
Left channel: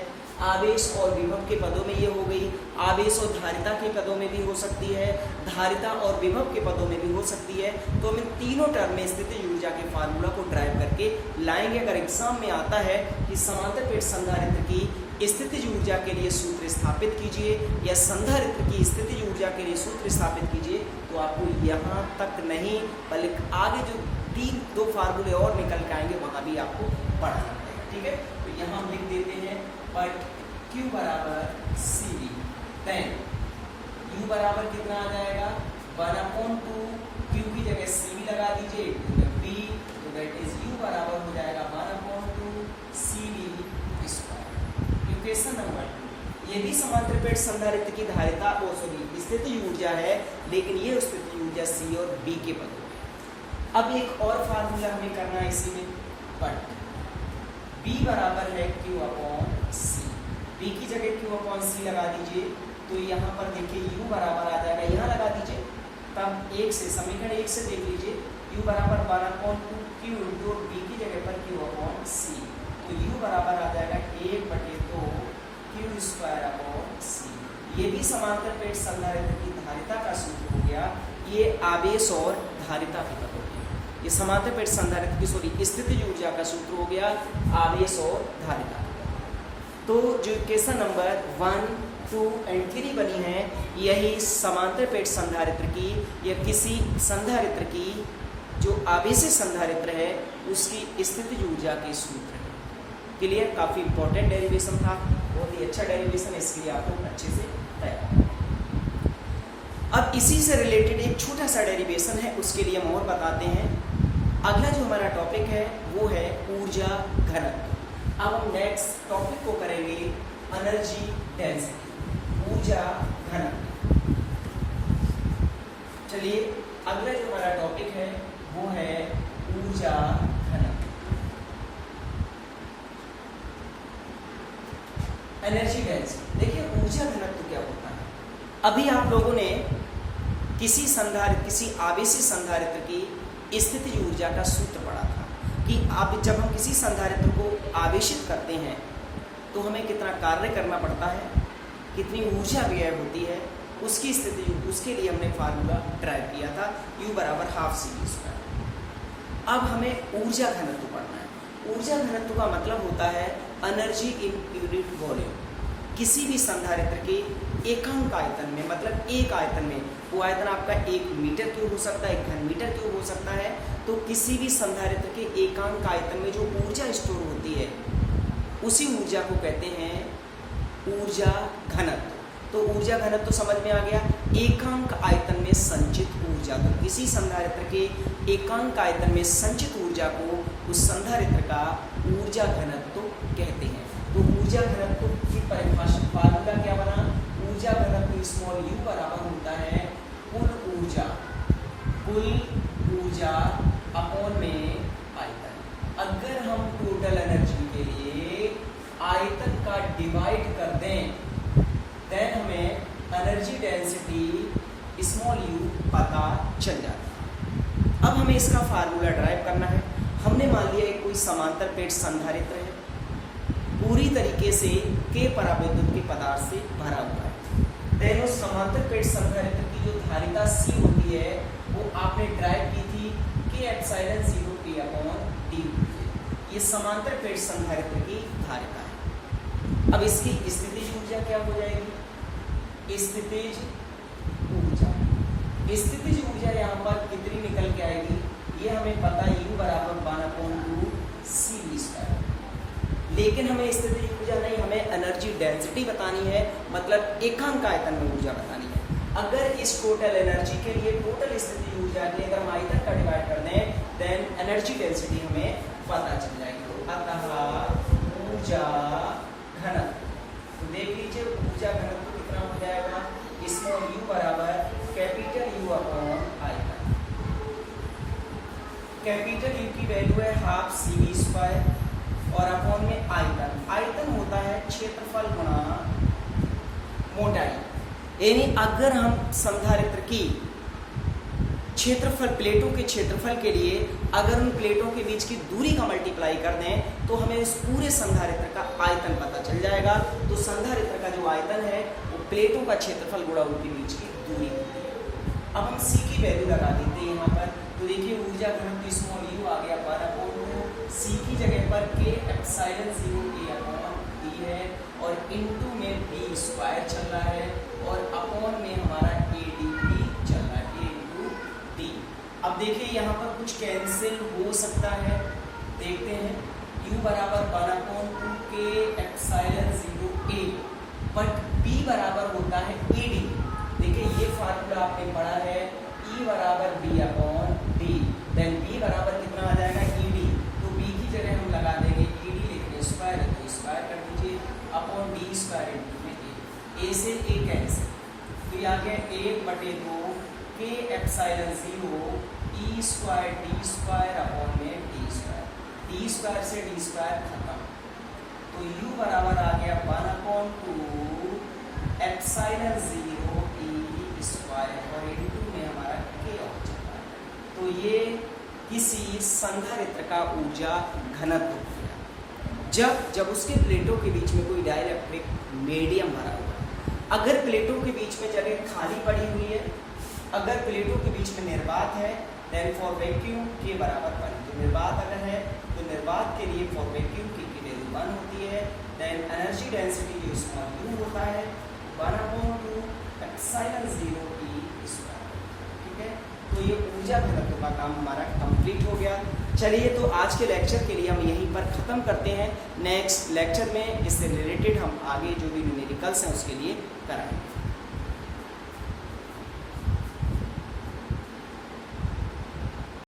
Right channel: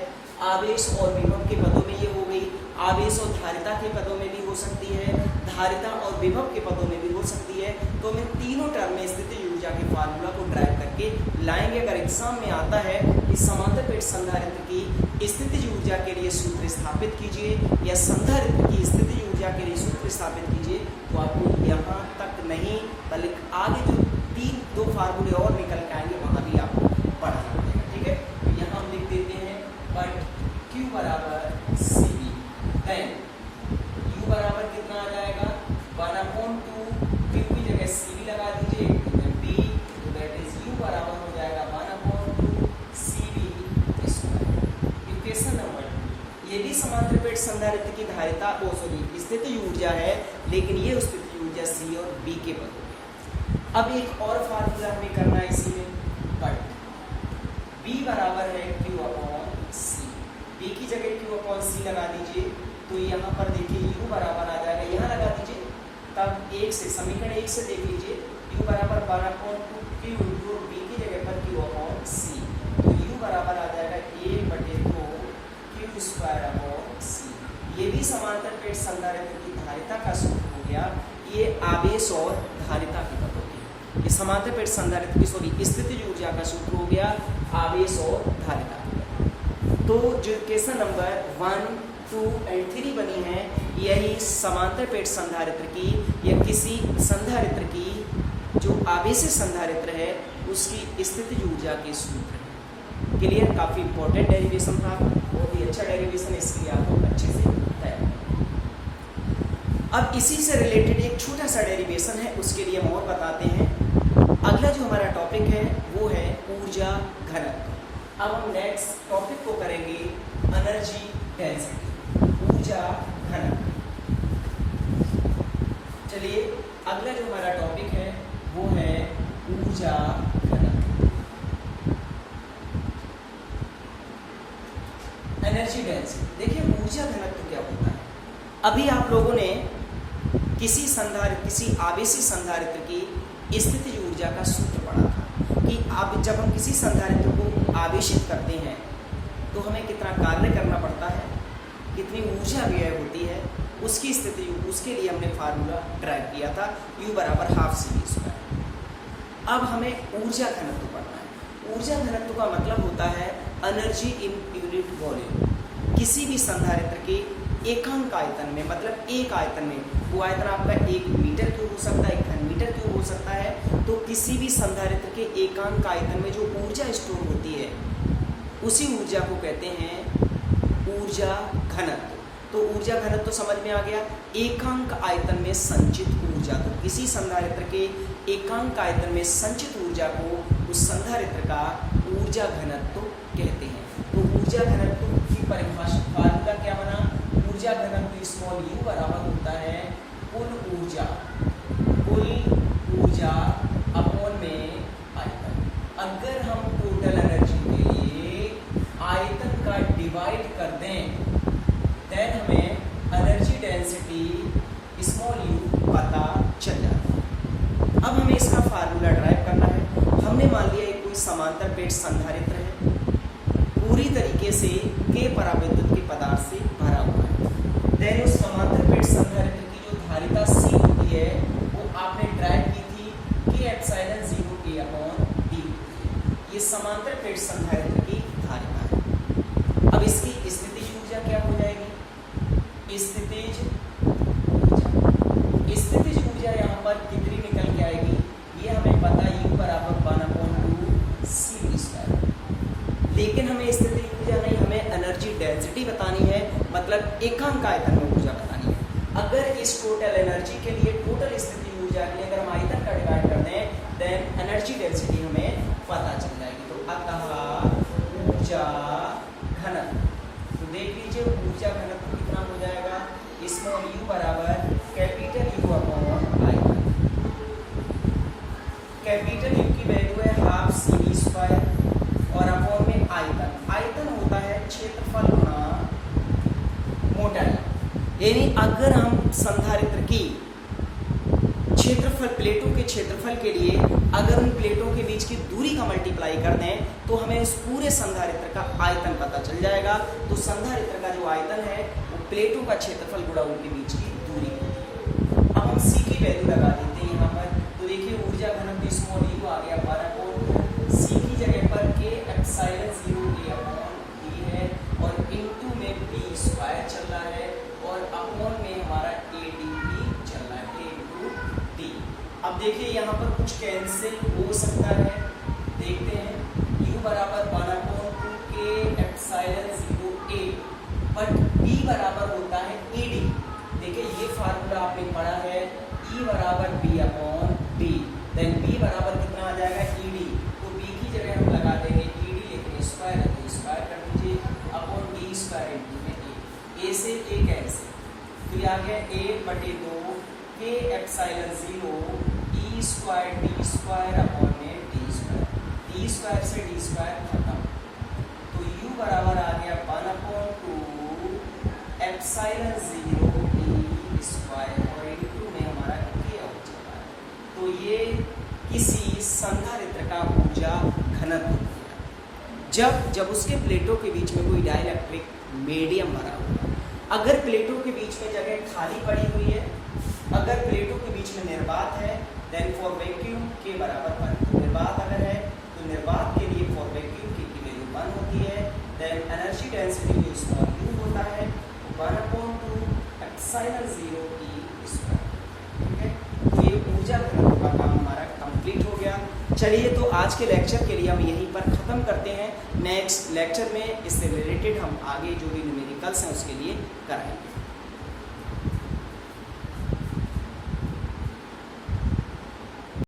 आवेश और विभव के पदों में ये हो गई, आवेश और धारिता के पदों में भी हो सकती है, धारिता और विभव के पदों में भी हो सकती है। तो हम तीनों टर्म में स्थितिज ऊर्जा के फार्मूला को ड्राइव करके लाएंगे। अगर एग्जाम में आता है कि समांतर प्लेट संधारित्र की स्थितिज ऊर्जा के लिए सूत्र स्थापित कीजिए या संधारित्र की स्थितिज ऊर्जा के लिए सूत्र स्थापित कीजिए, तो आपको यहाँ तक नहीं बल्कि आगे जो 2 फार्मूले और निकल के आएंगे वहाँ भी आपको पढ़ना पड़ेगा। ठीक है, तो यहाँ हम लिख देते हैं बट Q बराबर CV, देन U बराबर कितना आ जाएगा? 1/2 Q की जगह CV लगा दीजिए, B, तो दैट इज U बराबर हो जाएगा 1/2 CV स्क्वायर। इक्वेशन नंबर 2, ये भी समांतर प्लेट संधारित्र की धारिता स्थितिज ऊर्जा है, लेकिन ये स्थितिज ऊर्जा C और B के पदों में। अब एक और फार्मूला हमें करना है इसी में, बट B बराबर है Q/C, B की जगह Q/C लगा दीजिए, तो यहाँ पर देखिए U बराबर आ जाएगा, यहाँ लगा दीजिए, तब 1 से समीकरण 1 से देख लीजिए, U बराबर 1/2 Q इंटू B की जगह पर Q/C, तो U बराबर आ जाएगा 1/2 Q²/C। ये भी समांतर प्लेट संधारित्र की धारिता का सूत्र हो गया। ये आवेश और धारिता के पदों में, ये समांतर प्लेट संधारित्र की स्थितिज ऊर्जा का सूत्र हो गया आवेश और धारिता। तो जो इक्वेशन नंबर 1, 2 एंड 3 बनी है, यही समांतर प्लेट संधारित्र की या किसी संधारित्र की जो आवेशी संधारित्र है उसकी स्थितिज ऊर्जा के सूत्र है। क्लियर, काफी इंपॉर्टेंट डेरिवेशन था, बहुत ही अच्छा डेरिवेशन, इसलिए आपको अच्छे से तैयार। अब इसी से रिलेटेड एक छोटा सा डेरिवेशन है, उसके लिए हम और बताते हैं। अगला जो हमारा टॉपिक है वो है ऊर्जा घनत्व। अब हम नेक्स्ट टॉपिक को करेंगे एनर्जी डेंसिटी, ऊर्जा घनत्व। चलिए अगला जो हमारा टॉपिक है वो है ऊर्जा घनत्व, एनर्जी डेंसिटी। देखिए ऊर्जा घनत्व क्या होता है। अभी आप लोगों ने किसी आवेशी संधारित्र की स्थितिज ऊर्जा का सूत्र पढ़ा था कि आप जब हम किसी संधारित्र को आवेशित करते हैं तो हमें कितना कार्य करना पड़ता है, कितनी ऊर्जा व्यय होती है, उसकी स्थिति, उसके लिए हमने फार्मूला ड्राइव किया था, U बराबर हाफ CV²। अब हमें ऊर्जा घनत्व पढ़ना है। ऊर्जा घनत्व का मतलब होता है एनर्जी इन यूनिट वॉल्यूम। किसी भी संधारित्र के एकांक आयतन में, मतलब एक आयतन में, वो आयतन आपका 1 मीटर क्यूब हो सकता है, 1 घन मीटर क्यूब हो सकता है, तो किसी भी संधारित्र के एकांक आयतन में जो ऊर्जा स्टोर होती है उसी ऊर्जा को कहते हैं ऊर्जा घनत्व। तो ऊर्जा घनत्व तो समझ में आ गया, एकांक आयतन में संचित ऊर्जा को, किसी संधारित्र के एकांक आयतन में संचित ऊर्जा को उस संधारित्र का ऊर्जा घनत्व कहते हैं। तो ऊर्जा घनत्व की परिभाषा फार्मूला क्या बना, ऊर्जा घनत्व स्मॉल u बराबर होता है कुल ऊर्जा अपॉन में आयतन। अगर हम टोटल एनर्जी के लिए आयतन का डिवाइड कर दें देन हमें एनर्जी डेंसिटी स्मॉल u पता चल जाता है। अब हमें इसका फार्मूला ड्राइव करना है। हमने मान लिया कोई समांतर प्लेट संधारित्र है, पूरी तरीके से K परावैद्युत के पदार्थ से भरा हुआ है। देन उस समांतर प्लेट संधारित्र की जो धारिता C होती है वो आपने ड्राइव की थी K∁0K/d। ये समांतर प्लेट संधारित्र की धारिता है। अब इसकी स्थितिज ऊर्जा क्या हो जाएगी, स्थितिज ऊर्जा यहाँ पर कितनी निकल के आएगी, ये हमें पता है U बराबर 1/2 CV²। लेकिन हमें स्थितिज ऊर्जा नहीं, हमें एनर्जी डेंसिटी बतानी है, मतलब एकांक आयतन में ऊर्जा बतानी है। अगर इस टोटल एनर्जी के लिए, टोटल स्थितिज ऊर्जा के लिए अगर हम आयतन का डिवाइड कर दें देन एनर्जी डेंसिटी हमें पता चल जाएगी। तो अतः ऊर्जा घनत्व, तो देख लीजिए ऊर्जा घनत्व कितना हो जाएगा, स्मॉल u बराबर कैपिटल U अपॉन आयतन। कैपिटल U की वैल्यू है हाफ CV² और अपॉन में आयतन। आयतन होता है क्षेत्रफल गुणा मोटाई। यानी अगर हम संधारित्र की क्षेत्रफल, प्लेटों के क्षेत्रफल के लिए अगर उन प्लेटों के बीच की दूरी का मल्टीप्लाई कर दें तो हमें इस पूरे संधारित्र का आयतन पता चल जाएगा। तो संधारित्र का जो आयतन है वो प्लेटों का क्षेत्रफल गुणा उनके बीच की दूरी होती है। अब हम C की वैल्यू लगा देते हैं यहाँ पर, तो देखिए ऊर्जा घनत्व स्मॉल u आ गया 12, C की जगह पर K∁0K/d है और इनटू में b² चल रहा है और अपॉन में हमारा AdB चल रहा है, A इंटू D। अब देखिए यहाँ पर कुछ कैंसिल हो सकता है, देखते हैं। U बराबर 1/2 K∁0A, बट B बराबर होता है AD। देखिए ये फार्मूला आपने पढ़ा है, E बराबर B/D, देन B बराबर कितना आ जाएगा ED। तो B की जगह हम लगा देंगे ED, लेकिन स्क्वायर है तो स्क्वायर कर दीजिए अपॉन D² इंटू में A से A कैंसिल, तो ये आ गया 1/2 K∁0 E²D² अपॉन में D² से D² खत्म, तो U बराबर आ गया 1/2 epsilon0 E² और इंटू में हमारा K हो चुका है। तो ये किसी संधारित्र का ऊर्जा घनत्व हो गया जब उसके प्लेटों के बीच में कोई डाइलेक्ट्रिक मीडियम भरा हुआ है। अगर प्लेटों के बीच में जगह खाली पड़ी हुई है, अगर प्लेटों के बीच में निर्वात है, देन फॉर वैक्यूम के बराबर पर निर्वात अगर है तो निर्वात के लिए फॉर वैक्यूम की वैल्यू 1 होती है, देन एनर्जी डेंसिटी जो इसका U होता है 1/2 epsilon0 E²। ठीक है, तो ये ऊर्जा घनत्व का काम हमारा कंप्लीट कंप्लीट हो गया। चलिए तो आज के लेक्चर के लिए हम यहीं पर ख़त्म करते हैं। नेक्स्ट लेक्चर में इससे रिलेटेड हम आगे जो भी न्यूमेरिकल्स हैं उसके लिए कराएंगे।